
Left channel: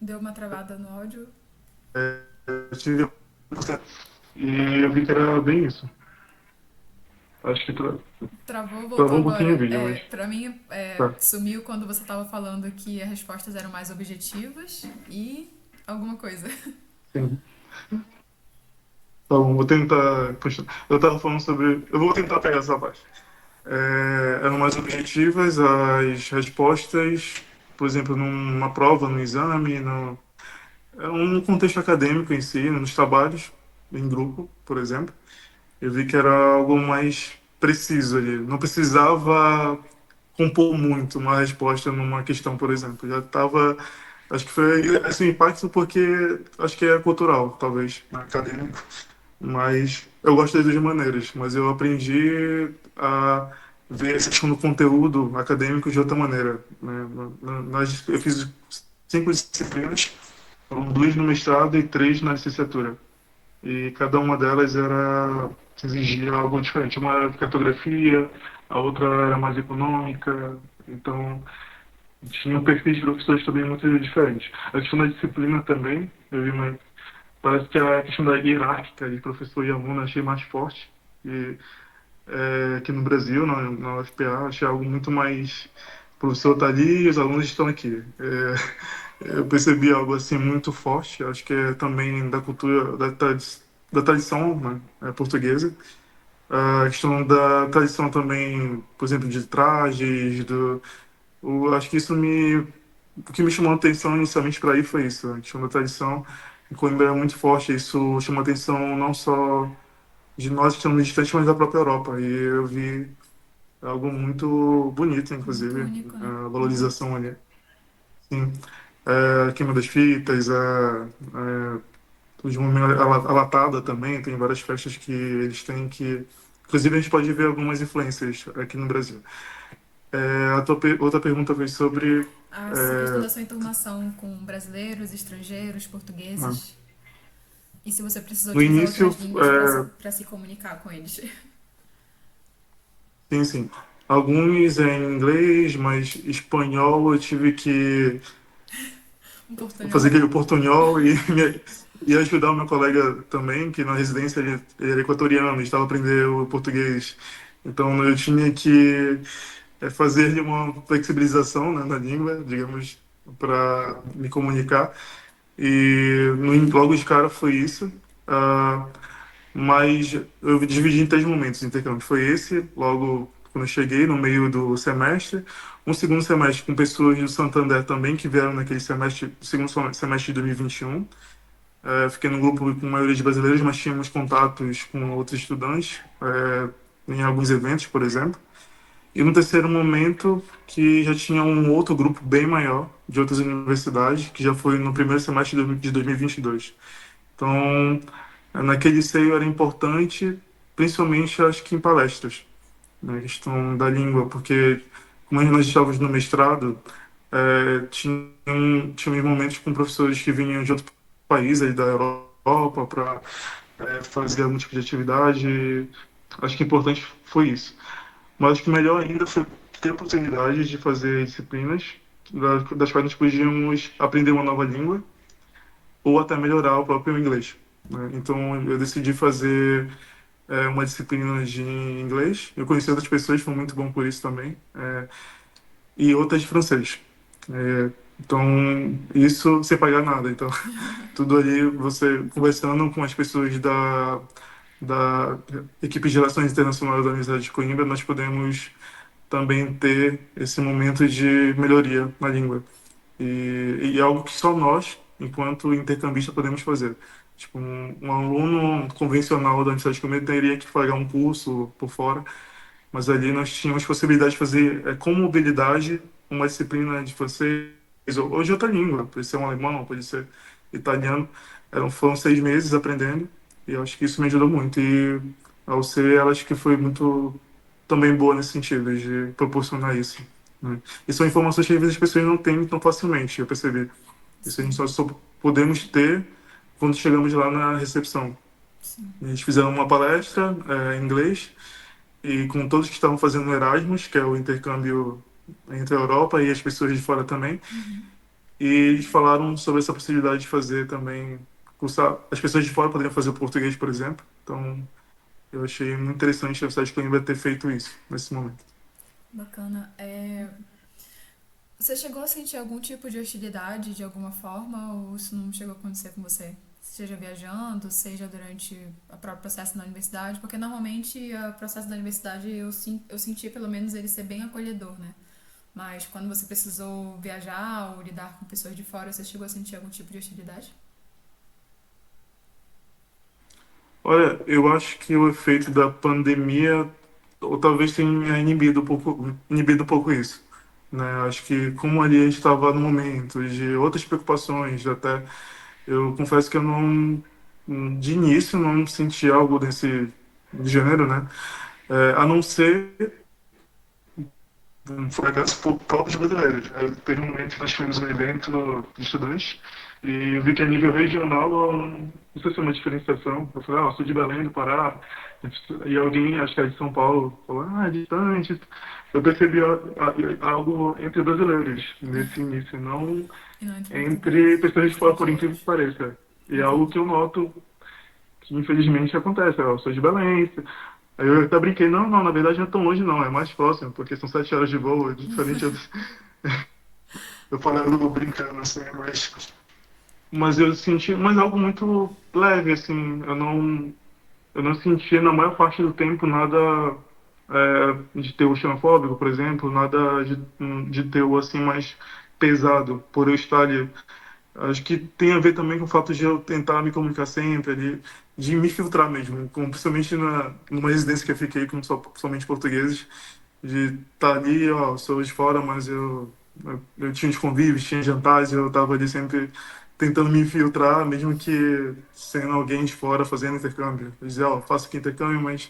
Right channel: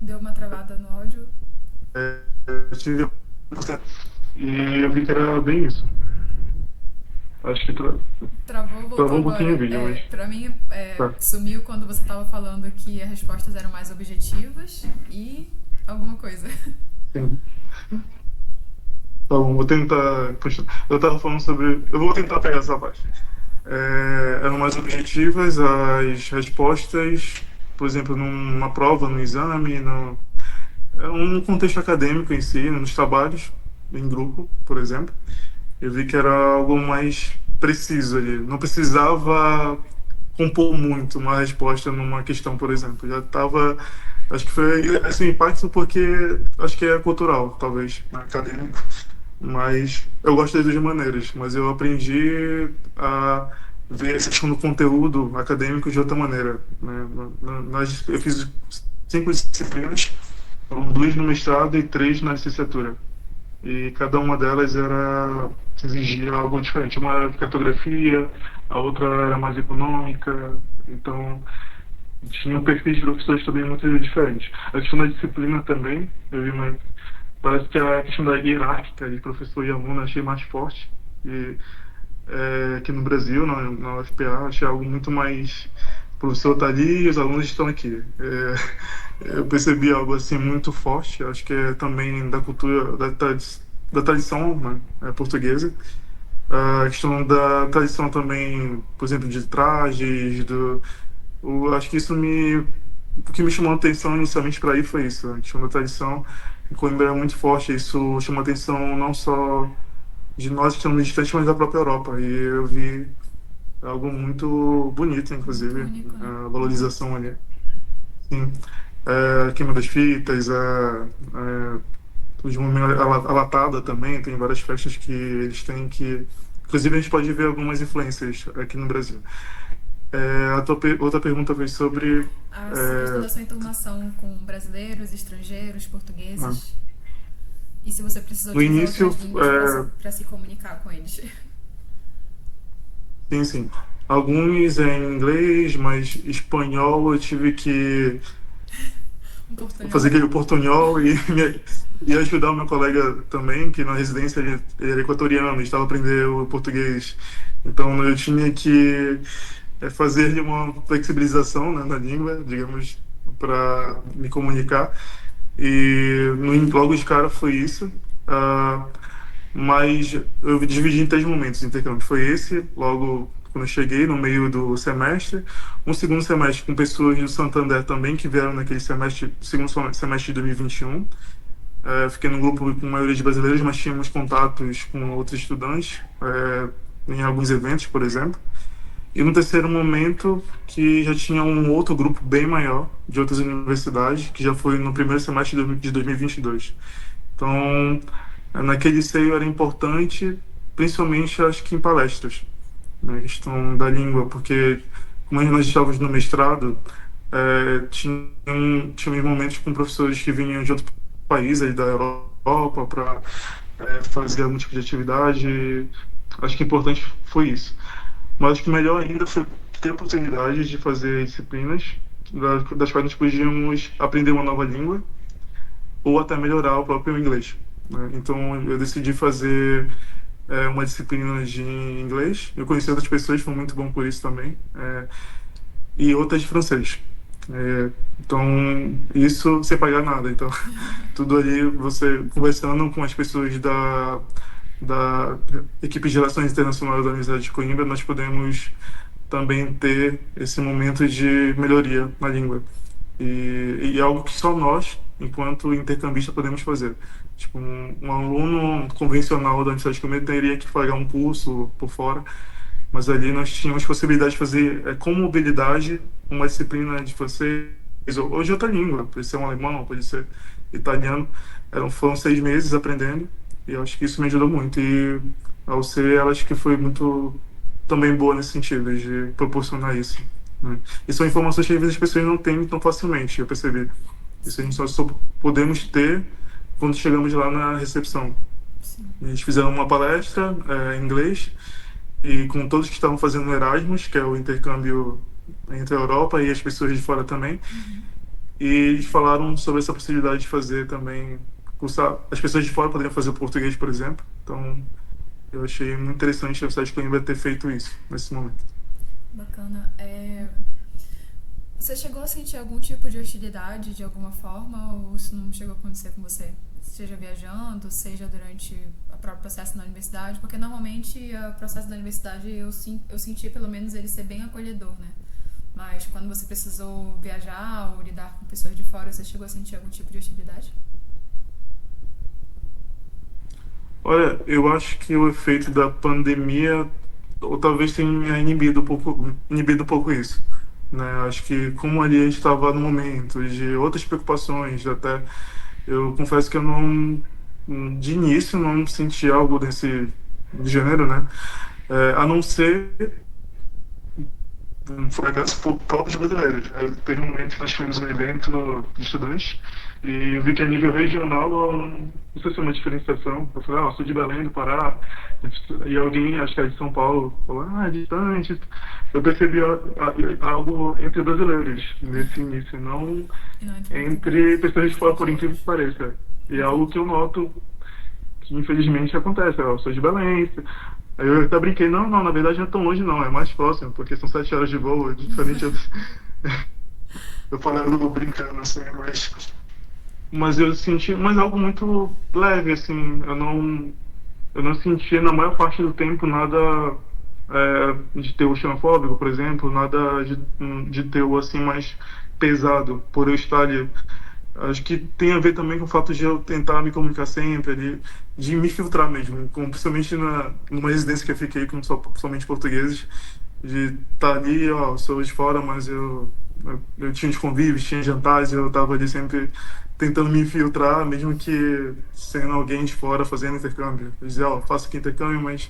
Deu uma travada no áudio? Eu tive e eu vi que era bem isso. Acho que Travou, voltou travou um pouquinho o agora. vídeo, mas Pra mim, tá. sumiu quando você tava falando que as respostas eram mais objetivas e alguma coisa. Sim. Tá bom, vou tentar continuar. Eu estava falando sobre. Eu vou tentar pegar essa parte. Eram mais objetivas as respostas, por exemplo, numa prova, no exame, é um contexto acadêmico em si, nos trabalhos, em grupo, por exemplo. Eu vi que era algo mais preciso ali. Não precisava compor muito uma resposta numa questão, por exemplo. Já estava. Acho que foi esse impacto porque acho que é cultural, talvez, né, acadêmico. Mas eu gosto das duas maneiras, mas eu aprendi a ver essa questão do conteúdo acadêmico de outra maneira, né? Eu fiz 5 disciplinas, foram 2 no mestrado e 3 na licenciatura. E cada uma delas exigia algo diferente. Uma era cartografia, a outra era mais econômica, então tinha um perfil de professores também muito diferente. A questão da disciplina também, eu vi uma. Parece que a questão da hierárquica de professor e aluno eu achei mais forte. E aqui no Brasil, na UFPA, achei algo muito mais. O professor está ali e os alunos estão aqui. Eu percebi algo assim muito forte. Acho que é também da cultura, da tradição, né, portuguesa. A questão da tradição também, por exemplo, de trajes, acho que o que me chamou a atenção inicialmente para ir foi isso, a questão da tradição. Em Coimbra é muito forte, isso chama a atenção não só de nós que estamos distantes, mas da própria Europa. E eu vi algo muito bonito, Muito inclusive, único, né? a Uhum. valorização ali. Sim. A queima das fitas, a latada também, tem várias festas que eles têm que. Inclusive, a gente pode ver algumas influências aqui no Brasil. Outra pergunta foi sobre. Essa questão é, da sua enturmação com brasileiros, estrangeiros, ah, portugueses. E se você precisou no utilizar início, outras línguas para se comunicar com eles? sim, sim. Alguns em inglês, mas espanhol eu tive que Um fazer portunhol? aquele portunhol e ajudar o meu colega também, que na residência ele era equatoriano, estava aprendendo o português. Então eu tinha que fazer uma flexibilização, né, na língua, digamos, para me comunicar. E logo de cara foi isso. Ah, mas eu dividi em 3 momentos de intercâmbio. Foi esse, logo quando eu cheguei, no meio do semestre. Um segundo semestre com pessoas do Santander também, que vieram naquele semestre, segundo semestre de 2021. Fiquei num grupo com a maioria de brasileiros, mas tínhamos contatos com outros estudantes, em alguns eventos, por exemplo. E no terceiro momento, que já tinha um outro grupo bem maior, de outras universidades, que já foi no primeiro semestre de 2022. Então, naquele seio era importante, principalmente acho que em palestras, na questão da língua, porque como nós estávamos no mestrado, tinha momentos com professores que vinham de outro país, aí da Europa, para fazer algum tipo de atividade. Acho que importante foi isso. Mas acho que melhor ainda foi ter a oportunidade de fazer disciplinas das quais nós podíamos aprender uma nova língua ou até melhorar o próprio inglês, né? Então eu decidi fazer uma disciplina de inglês. Eu conheci outras pessoas, foi muito bom por isso também, e outras de francês. Então, isso sem pagar nada. Então, tudo ali, você conversando com as pessoas da equipe de Relações Internacionais da Universidade de Coimbra, nós podemos também ter esse momento de melhoria na língua. E é algo que só nós, enquanto intercambista, podemos fazer. Tipo, um aluno convencional da Universidade de Coimbra teria que pagar um curso por fora, mas ali nós tínhamos possibilidade de fazer com mobilidade uma disciplina de francês ou de outra língua, pode ser um alemão, pode ser italiano. Foram 6 meses aprendendo e eu acho que isso me ajudou muito. E a UC, ela acho que foi muito também boa nesse sentido, de proporcionar isso, né? E são informações que às vezes as pessoas não têm tão facilmente, eu percebi. Isso a gente só podemos ter quando chegamos lá na recepção. Sim. Eles fizeram uma palestra em inglês e com todos que estavam fazendo o Erasmus, que é o intercâmbio entre a Europa e as pessoas de fora também. E eles falaram sobre essa possibilidade de fazer também, cursar, as pessoas de fora poderiam fazer o português, por exemplo. Então, eu achei muito interessante a Universidade de Coimbra ter feito isso nesse momento. Bacana. Você chegou a sentir algum tipo de hostilidade de alguma forma ou isso não chegou a acontecer com você? Seja viajando, seja durante o próprio processo na universidade, porque normalmente o processo da universidade eu senti pelo menos ele ser bem acolhedor, né? Mas quando você precisou viajar ou lidar com pessoas de fora, você chegou a sentir algum tipo de hostilidade? Olha, eu acho que o efeito da pandemia, ou talvez tenha inibido um pouco isso, né? Acho que como ali a gente estava no momento de outras preocupações, até eu confesso que eu não, de início, não senti algo desse gênero, né? A não ser um fracasso por próprios brasileiros. Teve um momento que nós fizemos um evento de estudantes e eu vi que a nível regional não sei se é uma diferenciação. Eu falei, eu sou de Belém, do Pará, e alguém, acho que é de São Paulo, falou, é distante. Eu percebi algo entre brasileiros nesse início, não E não entre entre portugueses, pessoas de fora, por incrível estrangeiros. que pareça. E é algo Entendi. que eu noto que infelizmente acontece. Eu sou de Belém. Aí eu até brinquei, não, na verdade não é tão longe não, é mais próximo, porque são 7 horas de voo, é diferente. Eu falando brincando assim, mas eu senti, mas algo muito leve, assim, eu não senti na maior parte do tempo nada de teor xenofóbico, por exemplo, nada de teor assim mais pesado por eu estar ali. Acho que tem a ver também com o fato de eu tentar me comunicar sempre, de me filtrar mesmo, principalmente numa residência que eu fiquei com somente portugueses, de estar ali, sou de fora, mas eu tinha os convívios, tinha jantares, eu estava ali sempre tentando me infiltrar, mesmo que sendo alguém de fora fazendo intercâmbio. Eu dizia, faço aqui intercâmbio, mas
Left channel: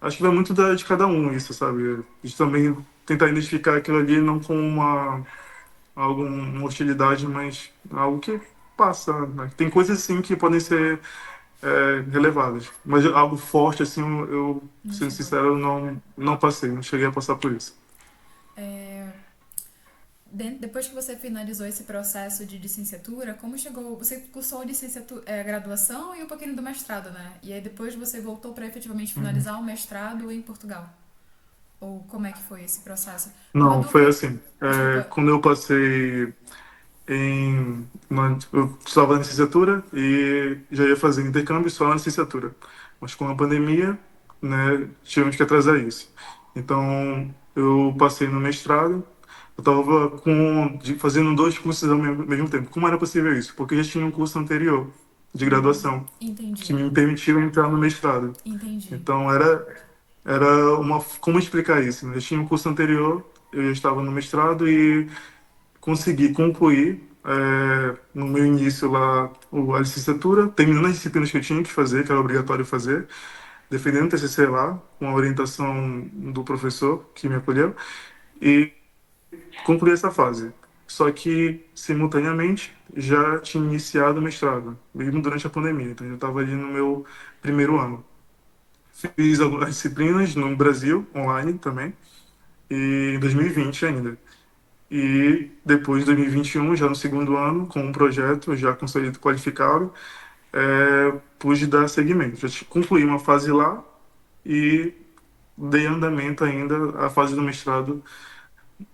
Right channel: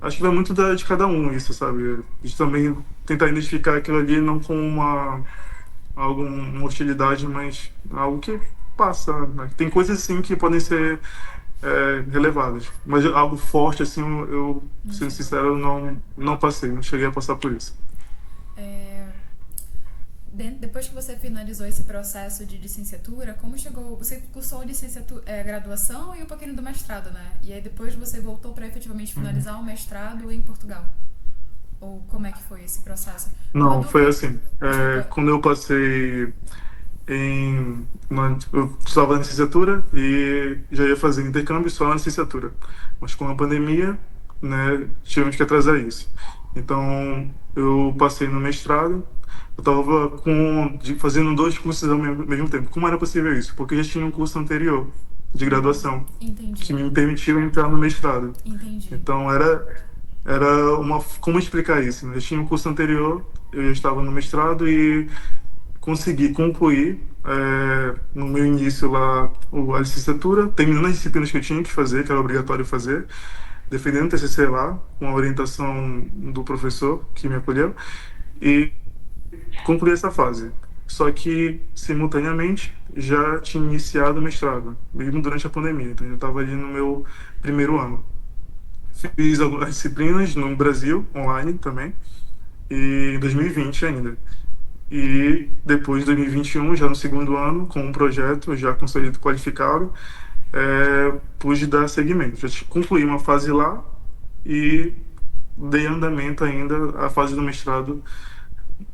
acho que vai muito de cada um isso, sabe? De também tentar identificar aquilo ali não como uma hostilidade, mas algo que passa, né? Tem coisas assim que podem ser relevadas, mas algo forte assim, Não sendo chegou. sincero, não passei, não cheguei a passar por isso. É, depois que você finalizou esse processo de licenciatura, como chegou? Você cursou licenciatura, graduação e um pouquinho do mestrado, né? E aí depois você voltou para efetivamente Uhum. finalizar o mestrado em Portugal? Ou como é que foi esse processo? Uma Não, foi dúvida. assim. Desculpa. Quando eu passei eu estava na licenciatura e já ia fazer intercâmbio só na licenciatura. Mas com a pandemia, né, tivemos que atrasar isso. Então, eu passei no mestrado, eu estava fazendo 2 cursos ao mesmo tempo. Como era possível isso? Porque eu já tinha um curso anterior de graduação que Entendi. me permitiu entrar no mestrado. Entendi. Então, era como explicar isso, né? Eu tinha um curso anterior, eu já estava no mestrado e consegui concluir no meu início lá a licenciatura, terminando as disciplinas que eu tinha que fazer, que era obrigatório fazer, defendendo o TCC lá, com a orientação do professor que me acolheu, e concluí essa fase. Só que, simultaneamente, já tinha iniciado o mestrado, mesmo durante a pandemia, então eu estava ali no meu primeiro ano. Fiz algumas disciplinas no Brasil, online também, e em 2020 ainda. E depois de 2021, já no segundo ano, com um projeto já consolidado qualificado, pude dar seguimento. Concluí uma fase lá e dei andamento ainda à fase do mestrado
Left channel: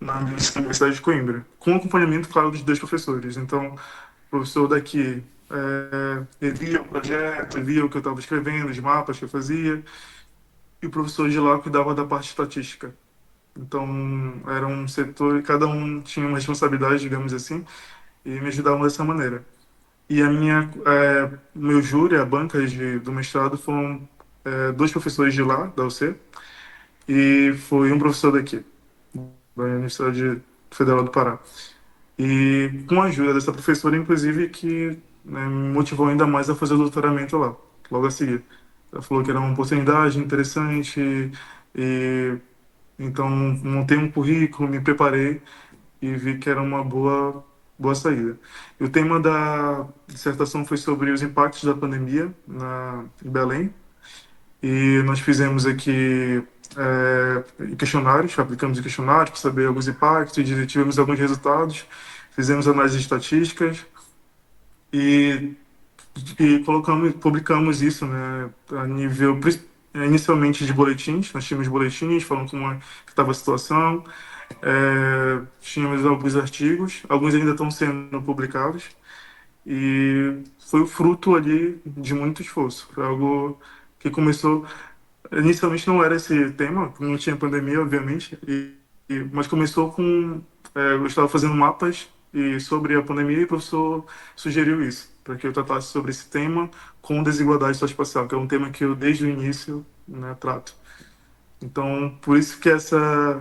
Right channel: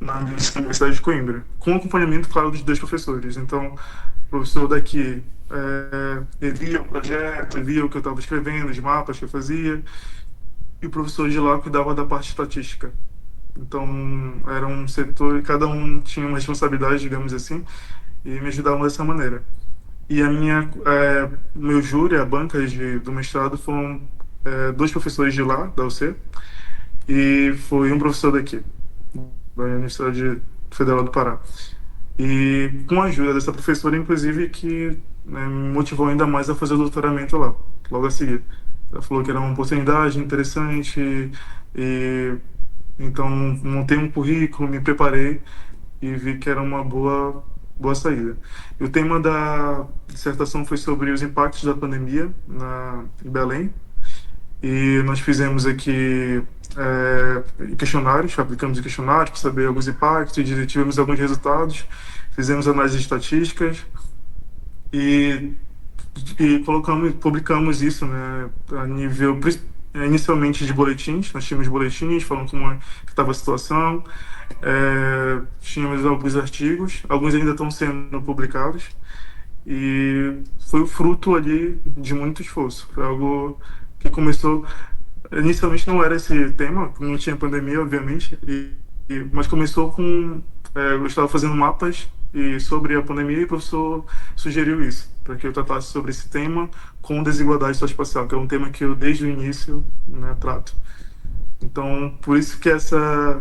na Universidade de Coimbra, com acompanhamento, claro, dos dois professores. Então, o professor daqui ele via o projeto, ele via o que eu estava escrevendo, os mapas que eu fazia, e o professor de lá cuidava da parte estatística. Então, era um setor, e cada um tinha uma responsabilidade, digamos assim, e me ajudavam dessa maneira. E meu júri, a banca do mestrado, foram dois professores de lá, da UC, e foi um professor daqui, da Universidade Federal do Pará. E com a ajuda dessa professora, inclusive, que né, me motivou ainda mais a fazer o doutoramento lá, logo a seguir. Ela falou que era uma oportunidade interessante, e então montei um currículo, me preparei e vi que era uma boa saída. E o tema da dissertação foi sobre os impactos da pandemia em Belém, e nós fizemos aqui questionários, aplicamos questionários para saber alguns impactos, e tivemos alguns resultados, fizemos análises estatísticas e, publicamos isso, né, a nível inicialmente de boletins. Nós tínhamos boletins falando como estava a situação, tínhamos alguns artigos, alguns ainda estão sendo publicados, e foi o fruto ali de muito esforço. Foi algo que começou. Inicialmente não era esse tema, não tinha pandemia, obviamente, mas começou com. Eu estava fazendo mapas sobre a pandemia, e o professor sugeriu isso, para que eu tratasse sobre esse tema com desigualdade socioespacial, que é um tema que eu, desde o início, né, trato. Então, por isso que essa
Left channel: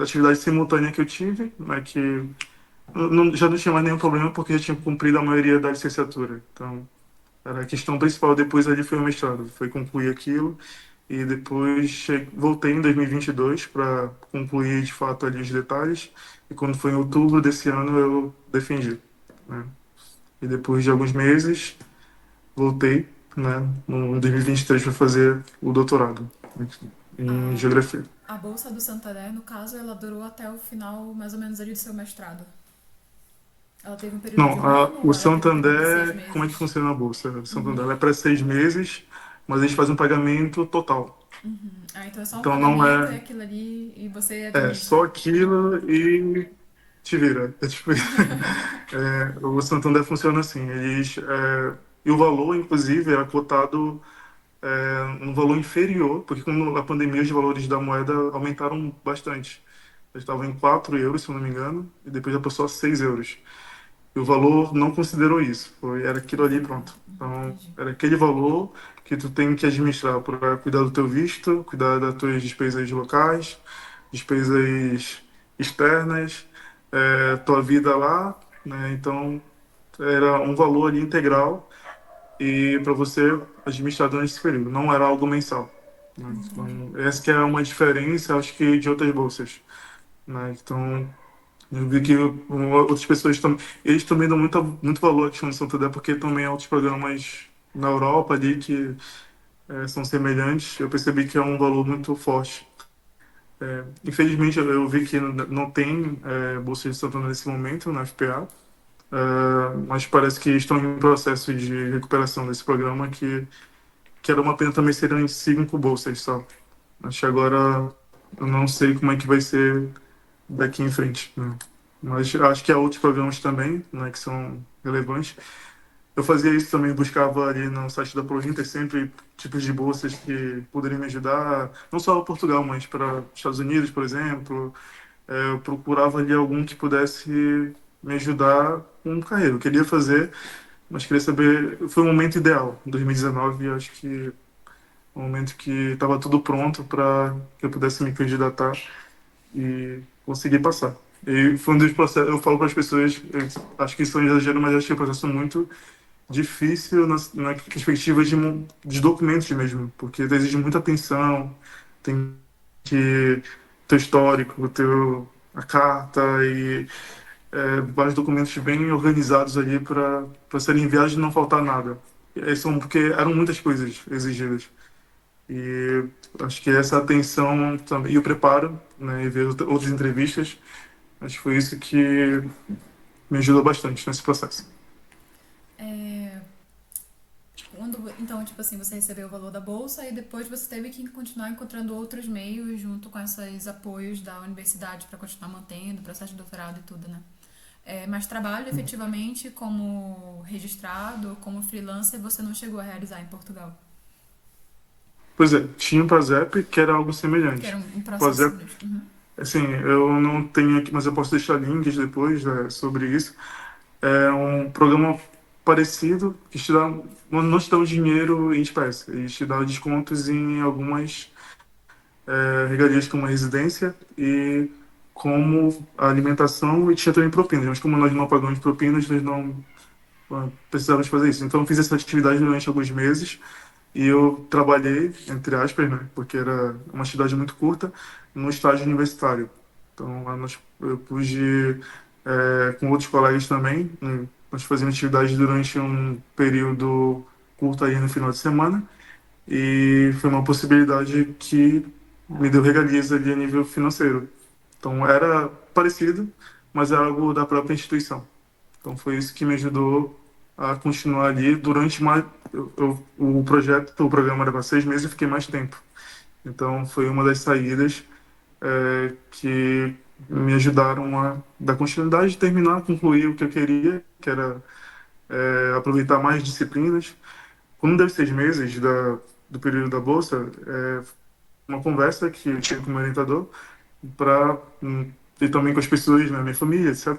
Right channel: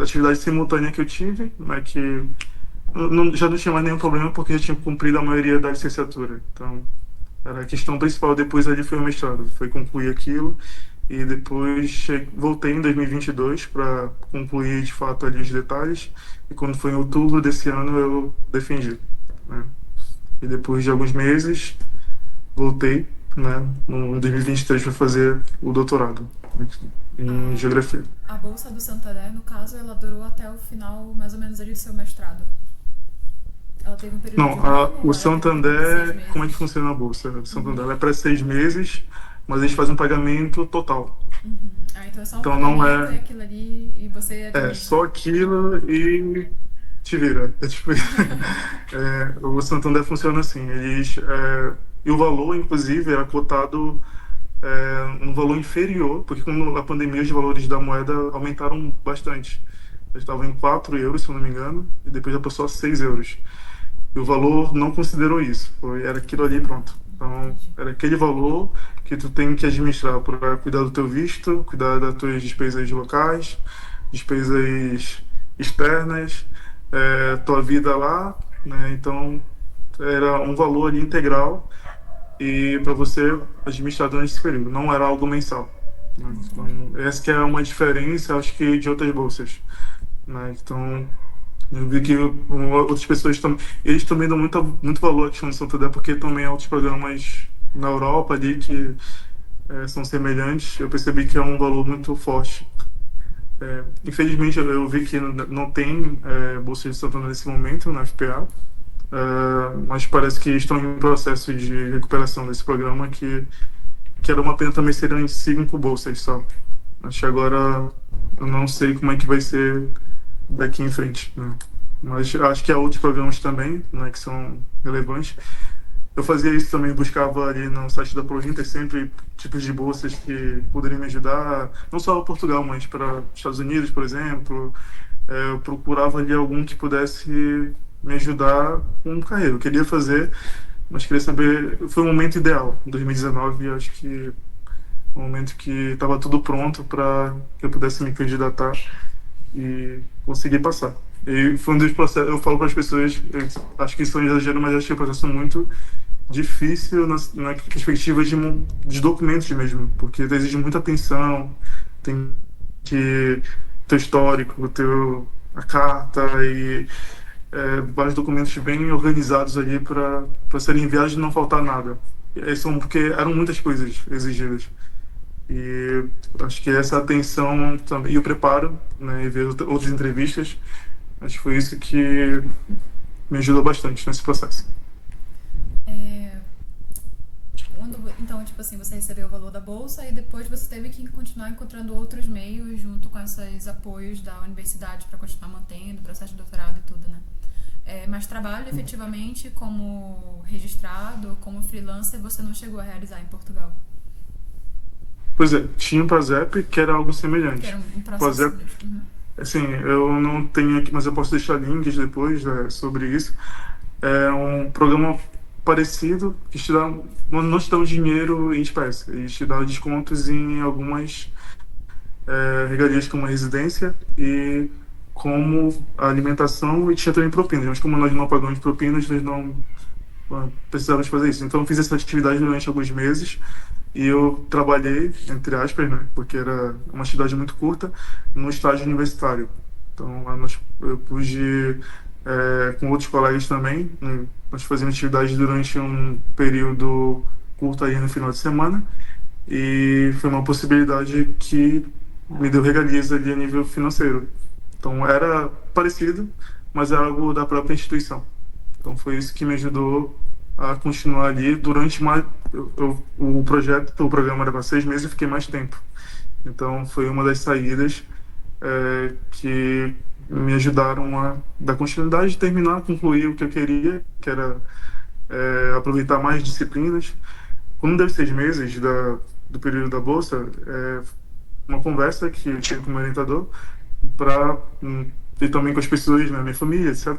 atividade simultânea que eu tive, né, que já não tinha mais nenhum problema, porque eu já tinha cumprido a maioria da licenciatura. Então, era a questão principal. Depois ali foi o mestrado, foi concluir aquilo, e depois voltei em 2022 para concluir de fato ali os detalhes, e quando foi em outubro desse ano eu defendi, né? E depois de alguns meses voltei, né, no 2023 para fazer o doutorado em A, geografia. a bolsa do Santander, no caso, ela durou até o final, mais ou menos, ali do seu mestrado. Ela teve um período de Não, um ano o ou ela teve um período de seis Santander, como é que meses? funciona a bolsa? O Santander ela é para 6 meses, mas eles fazem um pagamento total. Ah, então é só um Então não pagamento e é, aquilo ali e você é administra. só aquilo e te vira. É tipo, o Santander funciona assim. E o valor, inclusive, era cotado um valor inferior, porque com a pandemia os valores da moeda aumentaram bastante. Eles estavam em 4 euros, se eu não me engano, e depois já passou a 6 euros. E o valor não considerou isso. Era aquilo ali, pronto. Então, Entendi. era aquele valor que tu tem que administrar para cuidar do teu visto, cuidar das tuas despesas locais, despesas externas, tua vida lá, né? Então, era um valor ali integral, e para você administrar durante esse período. Não era algo mensal, né? Então, essa que é uma diferença, acho que, de outras bolsas, né? Então, eu vi que outras pessoas também, eles também dão muito valor à questão de Santander, porque também há outros programas na Europa ali que são semelhantes. Eu percebi que é um valor muito forte. Infelizmente, eu vi que não tem bolsa de Santander nesse momento na FPA, mas parece que estão em processo de recuperação desse programa, que era uma pena também serem 5 bolsas só. Acho que agora eu não sei como é que vai ser daqui em frente, né? Mas acho que há outros programas também, né, que são relevantes. Eu fazia isso também, buscava ali no site da Prointer sempre tipos de bolsas que poderiam me ajudar, não só para Portugal, mas para Estados Unidos, por exemplo. Eu procurava ali algum que pudesse me ajudar com carreira. Eu queria fazer, mas queria saber. Foi o momento ideal, em 2019, acho que o momento que estava tudo pronto para que eu pudesse me candidatar e conseguir passar. E foi um dos processos, eu falo para as pessoas, eu acho que isso é um exagero, mas acho que é um processo muito difícil na perspectiva de documentos mesmo, porque exige muita atenção, tem que teu histórico, a carta e vários documentos bem organizados ali para serem enviados e não faltar nada. Porque eram muitas coisas exigidas. E acho que essa atenção também, e o preparo, né, e ver outras entrevistas, acho que foi isso que me ajudou bastante nesse processo. É, Então, tipo assim, você recebeu o valor da bolsa e depois você teve que continuar encontrando outros meios junto com esses apoios da universidade para continuar mantendo o processo de doutorado e tudo, né? Mas trabalho efetivamente como registrado, como freelancer, você não chegou a realizar em Portugal. Pois é, tinha o PASEP, que era algo Que era semelhante. um O processo PASEP, semelhante. Uhum. assim, eu não tenho aqui, mas eu posso deixar links depois, sobre isso. É um programa parecido, que te dá, não te dá o dinheiro em espécie, eles te dão descontos em algumas regalias como a residência e como a alimentação e tinha também propinas, mas como nós não pagamos propinas, nós não precisávamos fazer isso. Então eu fiz essa atividade durante alguns meses e eu trabalhei, entre aspas, né, porque era uma atividade muito curta, no estágio universitário. Então lá eu pude, com outros colegas também, né, nós fazíamos atividade durante um período curto aí no final de semana e foi uma possibilidade que me deu regalias ali a nível financeiro. Então era parecido, mas era algo da própria instituição. Então foi isso que me ajudou a continuar ali durante mais. O programa era para 6 meses, eu fiquei mais tempo. Então foi uma das saídas que me ajudaram a dar continuidade, terminar, concluir o que eu queria, que era aproveitar mais disciplinas. Quando deu 6 meses do período da bolsa, uma conversa que eu tive com o meu orientador para e também com as pessoas na minha família, etc,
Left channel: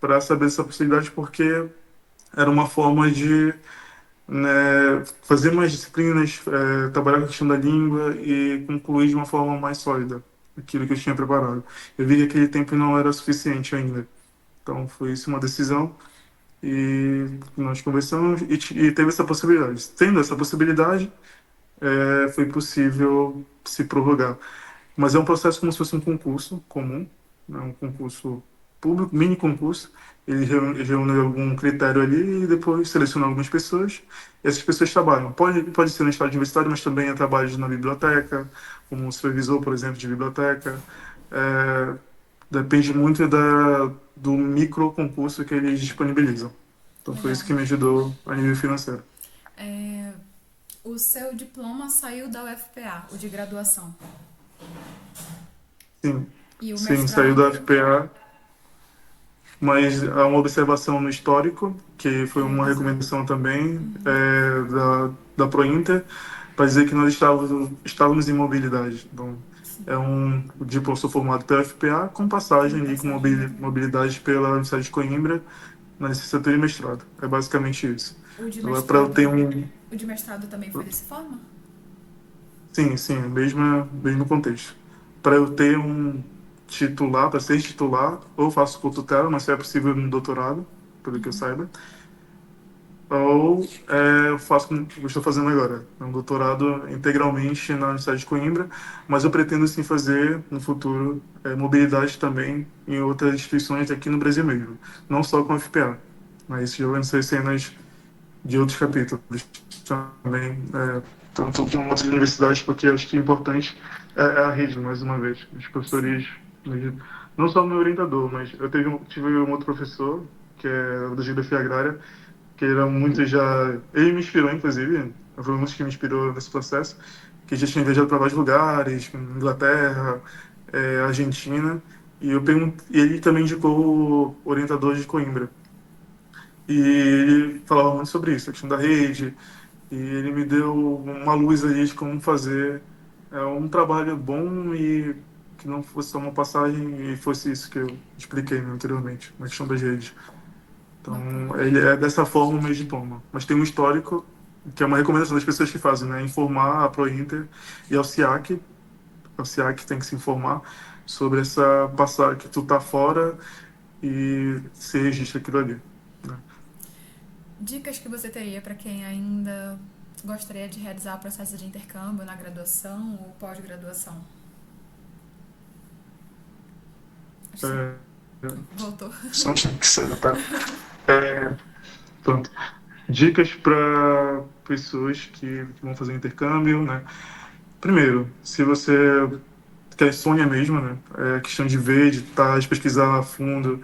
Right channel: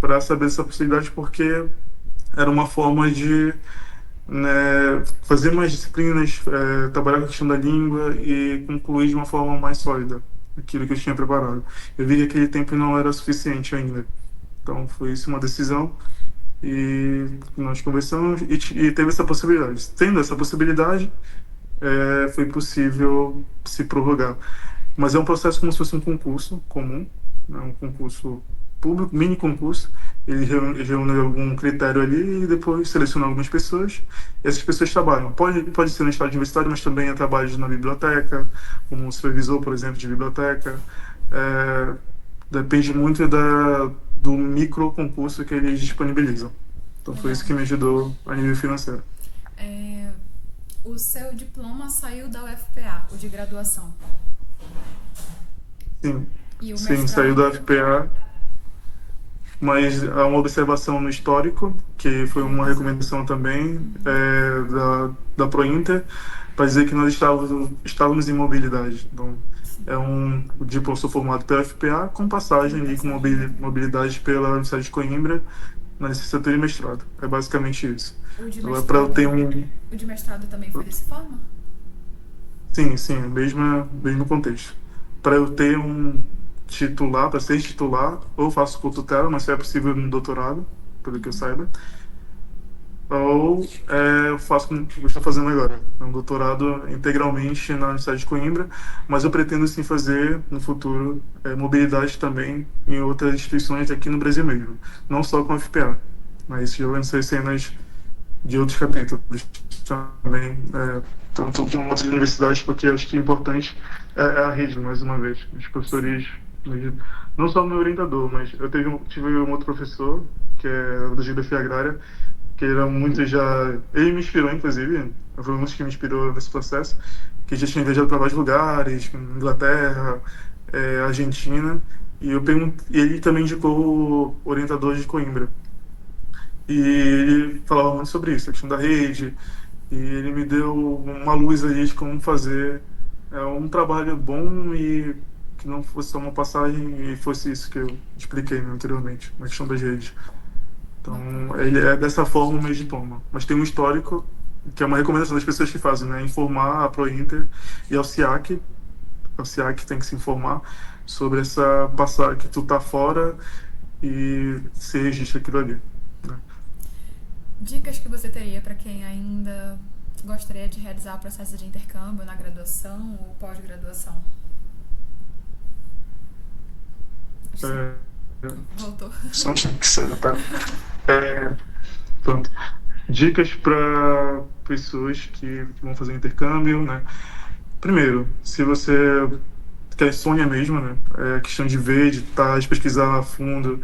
para saber essa possibilidade, porque era uma forma de, né, fazer mais disciplinas, trabalhar com a questão da língua e concluir de uma forma mais sólida aquilo que eu tinha preparado. Eu vi que aquele tempo não era suficiente ainda. Então foi isso uma decisão e nós conversamos e teve essa possibilidade. Tendo essa possibilidade, foi possível se prorrogar. Mas é um processo como se fosse um concurso comum, né? Um concurso público, mini concurso. Ele reúne algum critério ali e depois seleciona algumas pessoas. E essas pessoas trabalham. Pode ser no estágio universitário, mas também é trabalho na biblioteca, como supervisor, por exemplo, de biblioteca. É, depende muito do micro concurso que eles disponibilizam. Então foi Legal. isso que me ajudou a nível financeiro. É, o seu diploma saiu da UFPA, o de graduação. Sim, E o sim, saiu da mestrado. FPA, mas há uma observação no histórico, que foi uma recomendação também da ProInter, para dizer que nós estávamos em mobilidade. Então, o diploma sou formado pela FPA, com passagem ali com mobilidade pela Universidade de Coimbra, na licenciatura e mestrado. É basicamente isso. O de Agora, para eu ter mestrado. um. O de mestrado também foi dessa forma? Sim, sim, mesmo contexto. Para eu ter um titular, para ser titular, ou eu faço por tutela, mas só é possível no doutorado, pelo que eu saiba, ou eu faço como eu estou fazendo agora, um doutorado integralmente na Universidade de Coimbra, mas eu pretendo sim fazer no futuro mobilidade também em outras instituições aqui no Brasil mesmo, não só com a FPA, mas já vão ser cenas de outros capítulos também, tanto com outras universidades, porque eu acho que o importante é a rede, mais uma vez. Os professores, não só o meu orientador, mas eu tive um outro professor, que é da Geografia Agrária, que ele era muito já. Ele me inspirou, inclusive, foi um dos que me inspirou nesse processo, que já tinha viajado para vários lugares, como Inglaterra, Argentina, e e ele também indicou o orientador de Coimbra. E ele falava muito sobre isso, a questão da rede, e ele me deu uma luz ali de como fazer um trabalho bom e que não fosse só uma passagem e fosse isso que eu expliquei, né, anteriormente, na questão das redes. Bacana. Então, ele é dessa forma o meu diploma. Mas tem um histórico, que é uma recomendação das pessoas que fazem, né, informar a ProInter e ao SIAC, o SIAC tem que se informar sobre essa passagem, que tu tá fora e se registra aquilo ali, né? Dicas que você teria para quem ainda gostaria de realizar o processo de intercâmbio na graduação ou pós-graduação? Acho que É, voltou. só que você tá. É, pronto. Dicas para pessoas que vão fazer intercâmbio, né? Primeiro, se você quer sonha mesmo, né? É questão de ver, de pesquisar a fundo.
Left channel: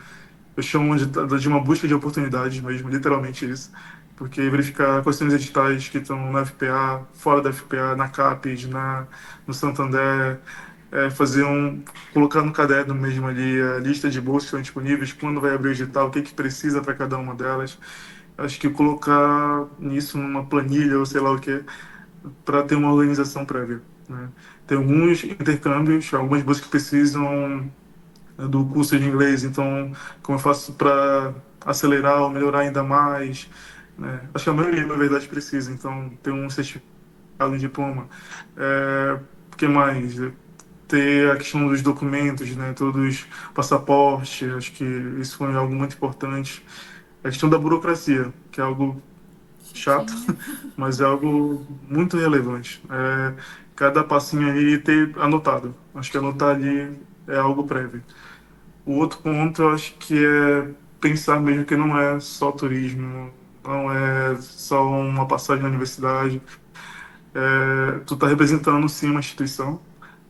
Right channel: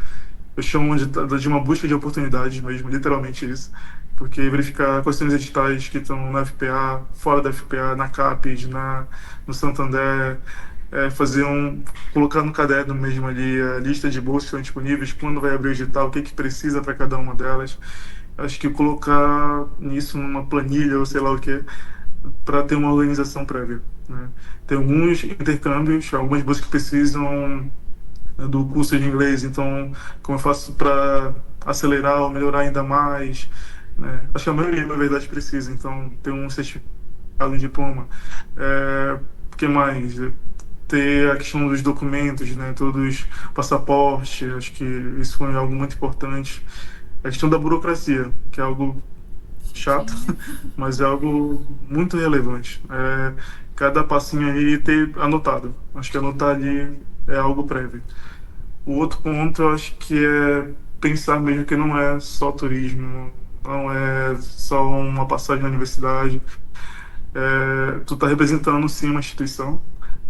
Eu chamo de uma busca de oportunidades mesmo, literalmente isso. porque verificar questões editais que estão na FPA, fora da FPA, na CAPES, no Santander, fazer colocar no caderno mesmo ali a lista de bolsas que estão disponíveis, quando vai abrir o edital, o que que precisa para cada uma delas. Acho que colocar nisso numa planilha ou sei lá o que, para ter uma organização prévia, né? Tem alguns intercâmbios, algumas bolsas que precisam do curso de inglês, então como eu faço para acelerar ou melhorar ainda mais, né? Acho que a maioria, na verdade, precisa, então ter um certificado, um diploma. O que mais? Ter a questão dos documentos, né? Todos, passaporte, acho que isso foi algo muito importante. A questão da burocracia, que é algo chato, Chiquinho. mas é algo muito relevante. Cada passinho ali ter anotado. Acho que anotar ali é algo prévio. O outro ponto, eu acho que é pensar mesmo que não é só turismo, não é só uma passagem na universidade. Tu está representando sim uma instituição,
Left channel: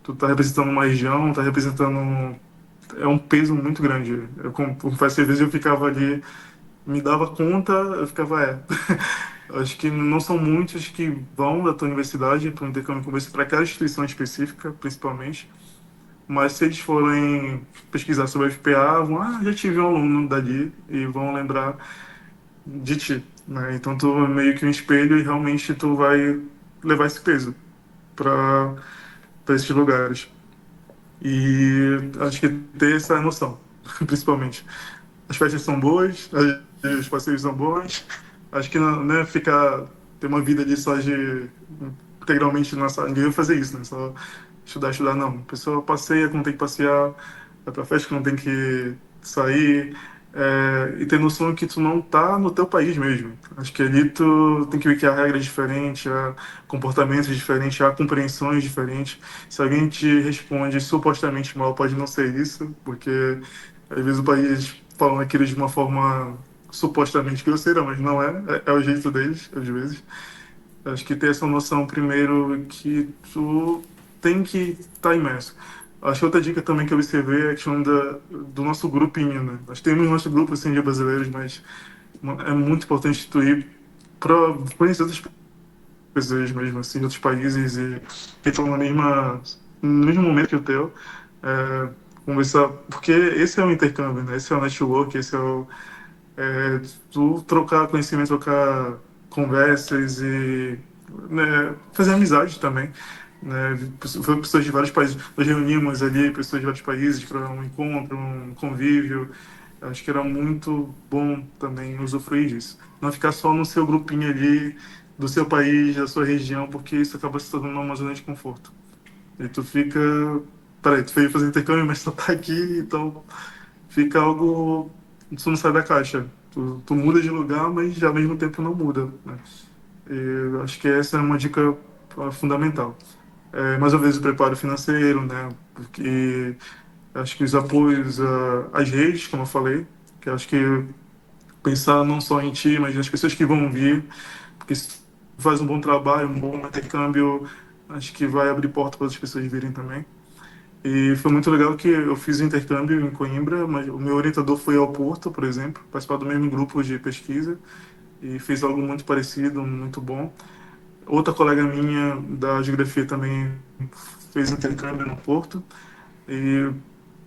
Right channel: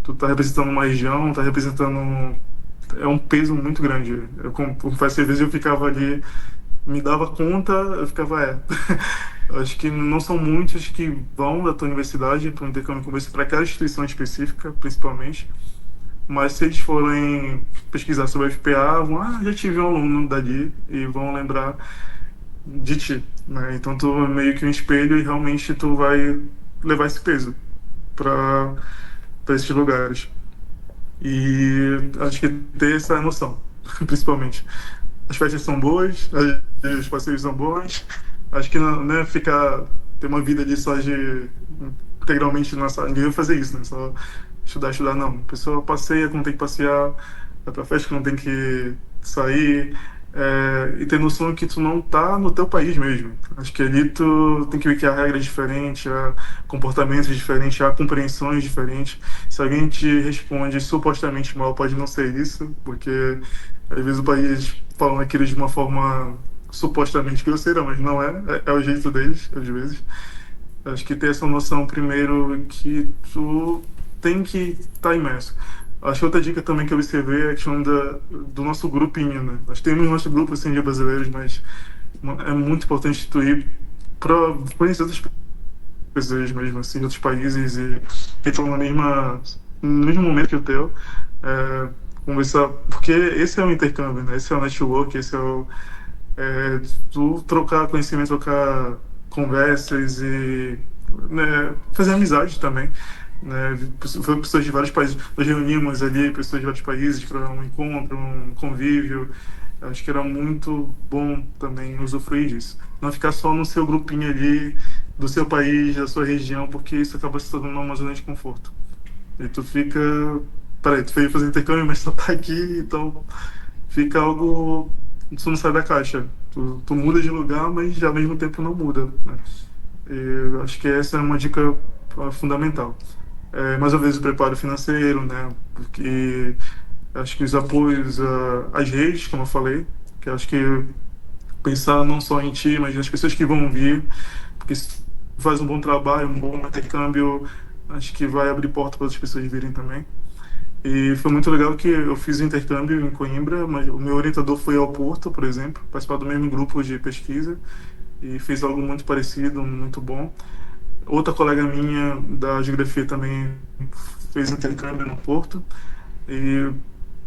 tu está representando uma região, está representando, é um peso muito grande. Eu confesso que às vezes eu ficava ali, me dava conta, eu ficava, eu acho que não são muitos que vão da tua universidade para um intercâmbio como esse, para aquela instituição específica, principalmente. Mas se eles forem pesquisar sobre a FPA, vão, já tive um aluno dali e vão lembrar de ti, né? Então tu é meio que um espelho e realmente tu vai levar esse peso para esses lugares. E acho que ter essa noção, principalmente. As festas são boas, os passeios são bons. Acho que não, né, ter uma vida ali só de integralmente na sala. Ninguém vai fazer isso, né? Só estudar, estudar, não. A pessoa passeia quando tem que passear, vai pra festa que não tem que sair. E ter noção que tu não tá no teu país mesmo. Acho que ali tu tem que ver que há regras diferentes, há comportamentos diferentes, há compreensões diferentes. Se alguém te responde supostamente mal, pode não ser isso, porque às vezes o país falam aquilo de uma forma supostamente grosseira, mas não é. É o jeito deles, às vezes. Acho que ter essa noção primeiro que tu tem que estar imerso. Acho que outra dica também que eu observei é a questão do nosso grupinho, né? Nós temos nosso grupo assim, de brasileiros, mas é muito importante tu ir para conhecer outras pessoas mesmo, assim, de outros países e que estão no mesmo momento que o teu. É, conversar, porque esse é o intercâmbio, né? Esse é o network, esse é tu trocar conhecimento, trocar conversas e, né, fazer amizade também, né? Foi pessoas de vários países, nós reunimos ali pessoas de vários países para um encontro, um convívio. Acho que era muito bom também usufruir disso. Não ficar só no seu grupinho ali, do seu país, da sua região, porque isso acaba se tornando uma zona de conforto. E tu fica. Peraí, tu veio fazer intercâmbio, mas tu tá aqui, então fica algo. Tu não sai da caixa. Tu muda de lugar, mas ao mesmo tempo não muda, né? E eu acho que essa é uma dica fundamental. Mais uma vez, o preparo financeiro, né? Porque acho que os apoios às redes, como eu falei, que acho que pensar não só em ti, mas nas pessoas que vão vir, porque se tu faz um bom trabalho, um bom intercâmbio, acho que vai abrir porta para outras pessoas virem também. E foi muito legal que eu fiz o intercâmbio em Coimbra, mas o meu orientador foi ao Porto, por exemplo, participar do mesmo grupo de pesquisa e fez algo muito parecido, muito bom. Outra colega minha da geografia também fez intercâmbio no Porto e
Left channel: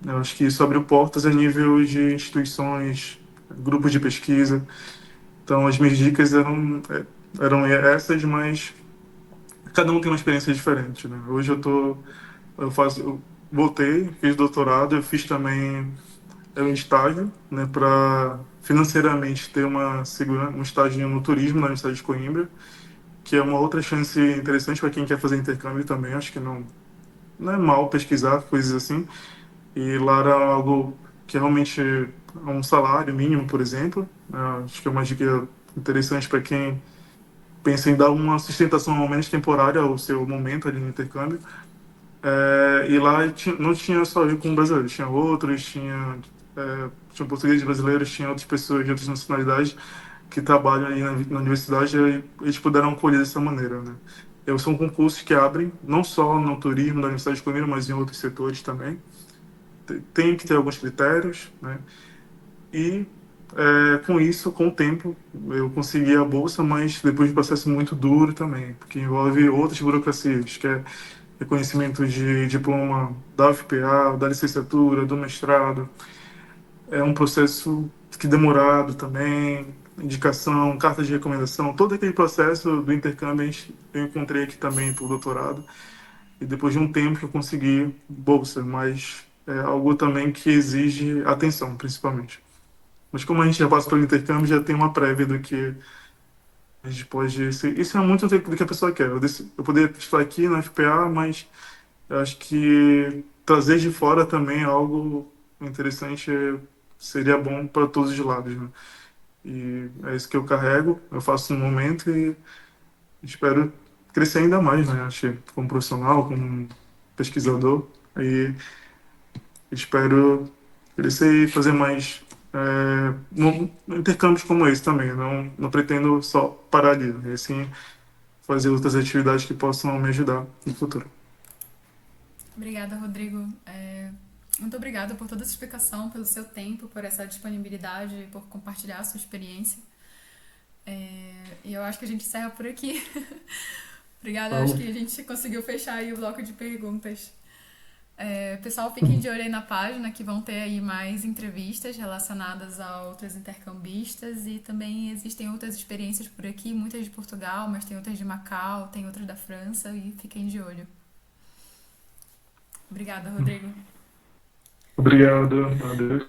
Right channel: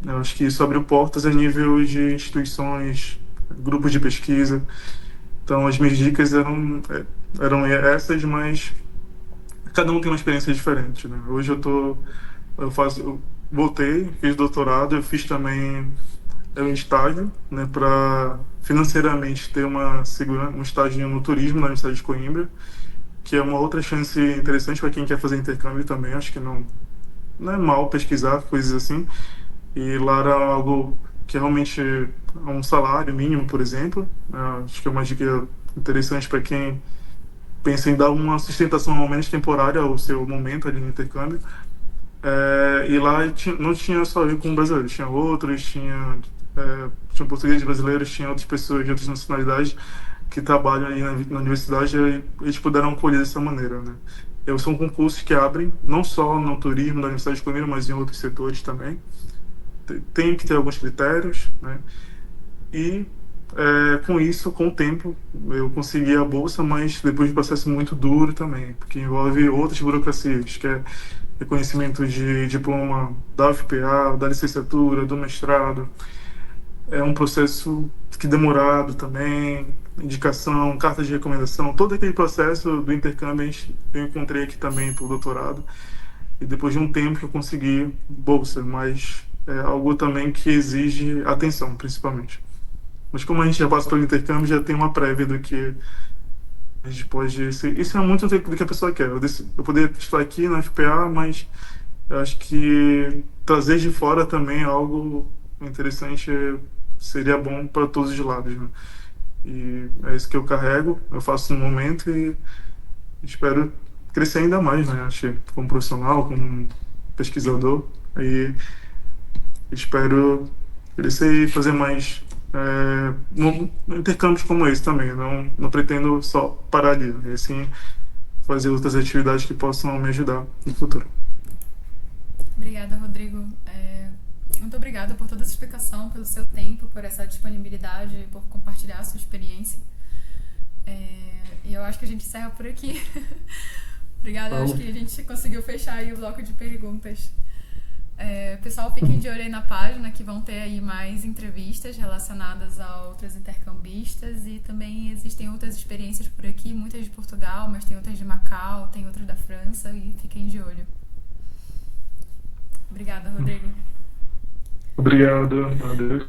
eu acho que isso abriu portas a nível de instituições, grupos de pesquisa. Então as minhas dicas eram essas, mas cada um tem uma experiência diferente, né? Hoje eu voltei, fiz doutorado, eu fiz também um estágio, né, para financeiramente ter um estágio no turismo na Universidade de Coimbra, que é uma outra chance interessante para quem quer fazer intercâmbio também. Acho que não é mal pesquisar coisas assim. E lá era algo que realmente é um salário mínimo, por exemplo. Acho que é uma dica interessante para quem pensa em dar uma sustentação ao menos temporária ao seu momento ali no intercâmbio. E lá não tinha só eu com brasileiros, tinha outros, tinha portugueses brasileiros, tinha outras pessoas de outras nacionalidades que trabalham aí na universidade e eles puderam acolher dessa maneira, né? São concursos que abrem, não só no turismo da Universidade de Coimbra, mas em outros setores também. Tem que ter alguns critérios, né? E com isso, com o tempo, eu consegui a bolsa, mas depois de um processo muito duro também, porque envolve outras burocracias, que é reconhecimento de diploma da UFPA, da licenciatura, do mestrado. É um processo que demorado também, indicação, carta de recomendação, todo aquele processo do intercâmbio eu encontrei aqui também para o doutorado. E depois de um tempo que eu consegui bolsa, mas é algo também que exige atenção, principalmente. Mas como a gente já passa pelo intercâmbio, já tem uma prévia do que a gente pode ser. Isso é muito do que a pessoa quer. Eu poderia estar aqui na FPA, mas eu acho que trazer de fora também é algo interessante, seria bom para todos os lados, né? E é isso que eu carrego, eu faço no momento e espero crescer ainda mais, né? Acho que como profissional, como pesquisador. E espero crescer e fazer mais intercâmbios como esse também. Não pretendo só parar ali, né? E sim fazer outras atividades que possam me ajudar no futuro. Obrigada, Rodrigo. Muito obrigada por toda essa explicação, pelo seu tempo, por essa disponibilidade, por compartilhar a sua experiência. E eu acho que a gente encerra por aqui. Obrigada, eu acho que a gente conseguiu fechar aí o bloco de perguntas. Pessoal, fiquem de olho aí na página, que vão ter aí mais entrevistas relacionadas a outros intercambistas, e também existem outras experiências por aqui, muitas de Portugal, mas tem outras de Macau, tem outras da França, e fiquem de olho. Obrigada, Rodrigo. Obrigado, adeus.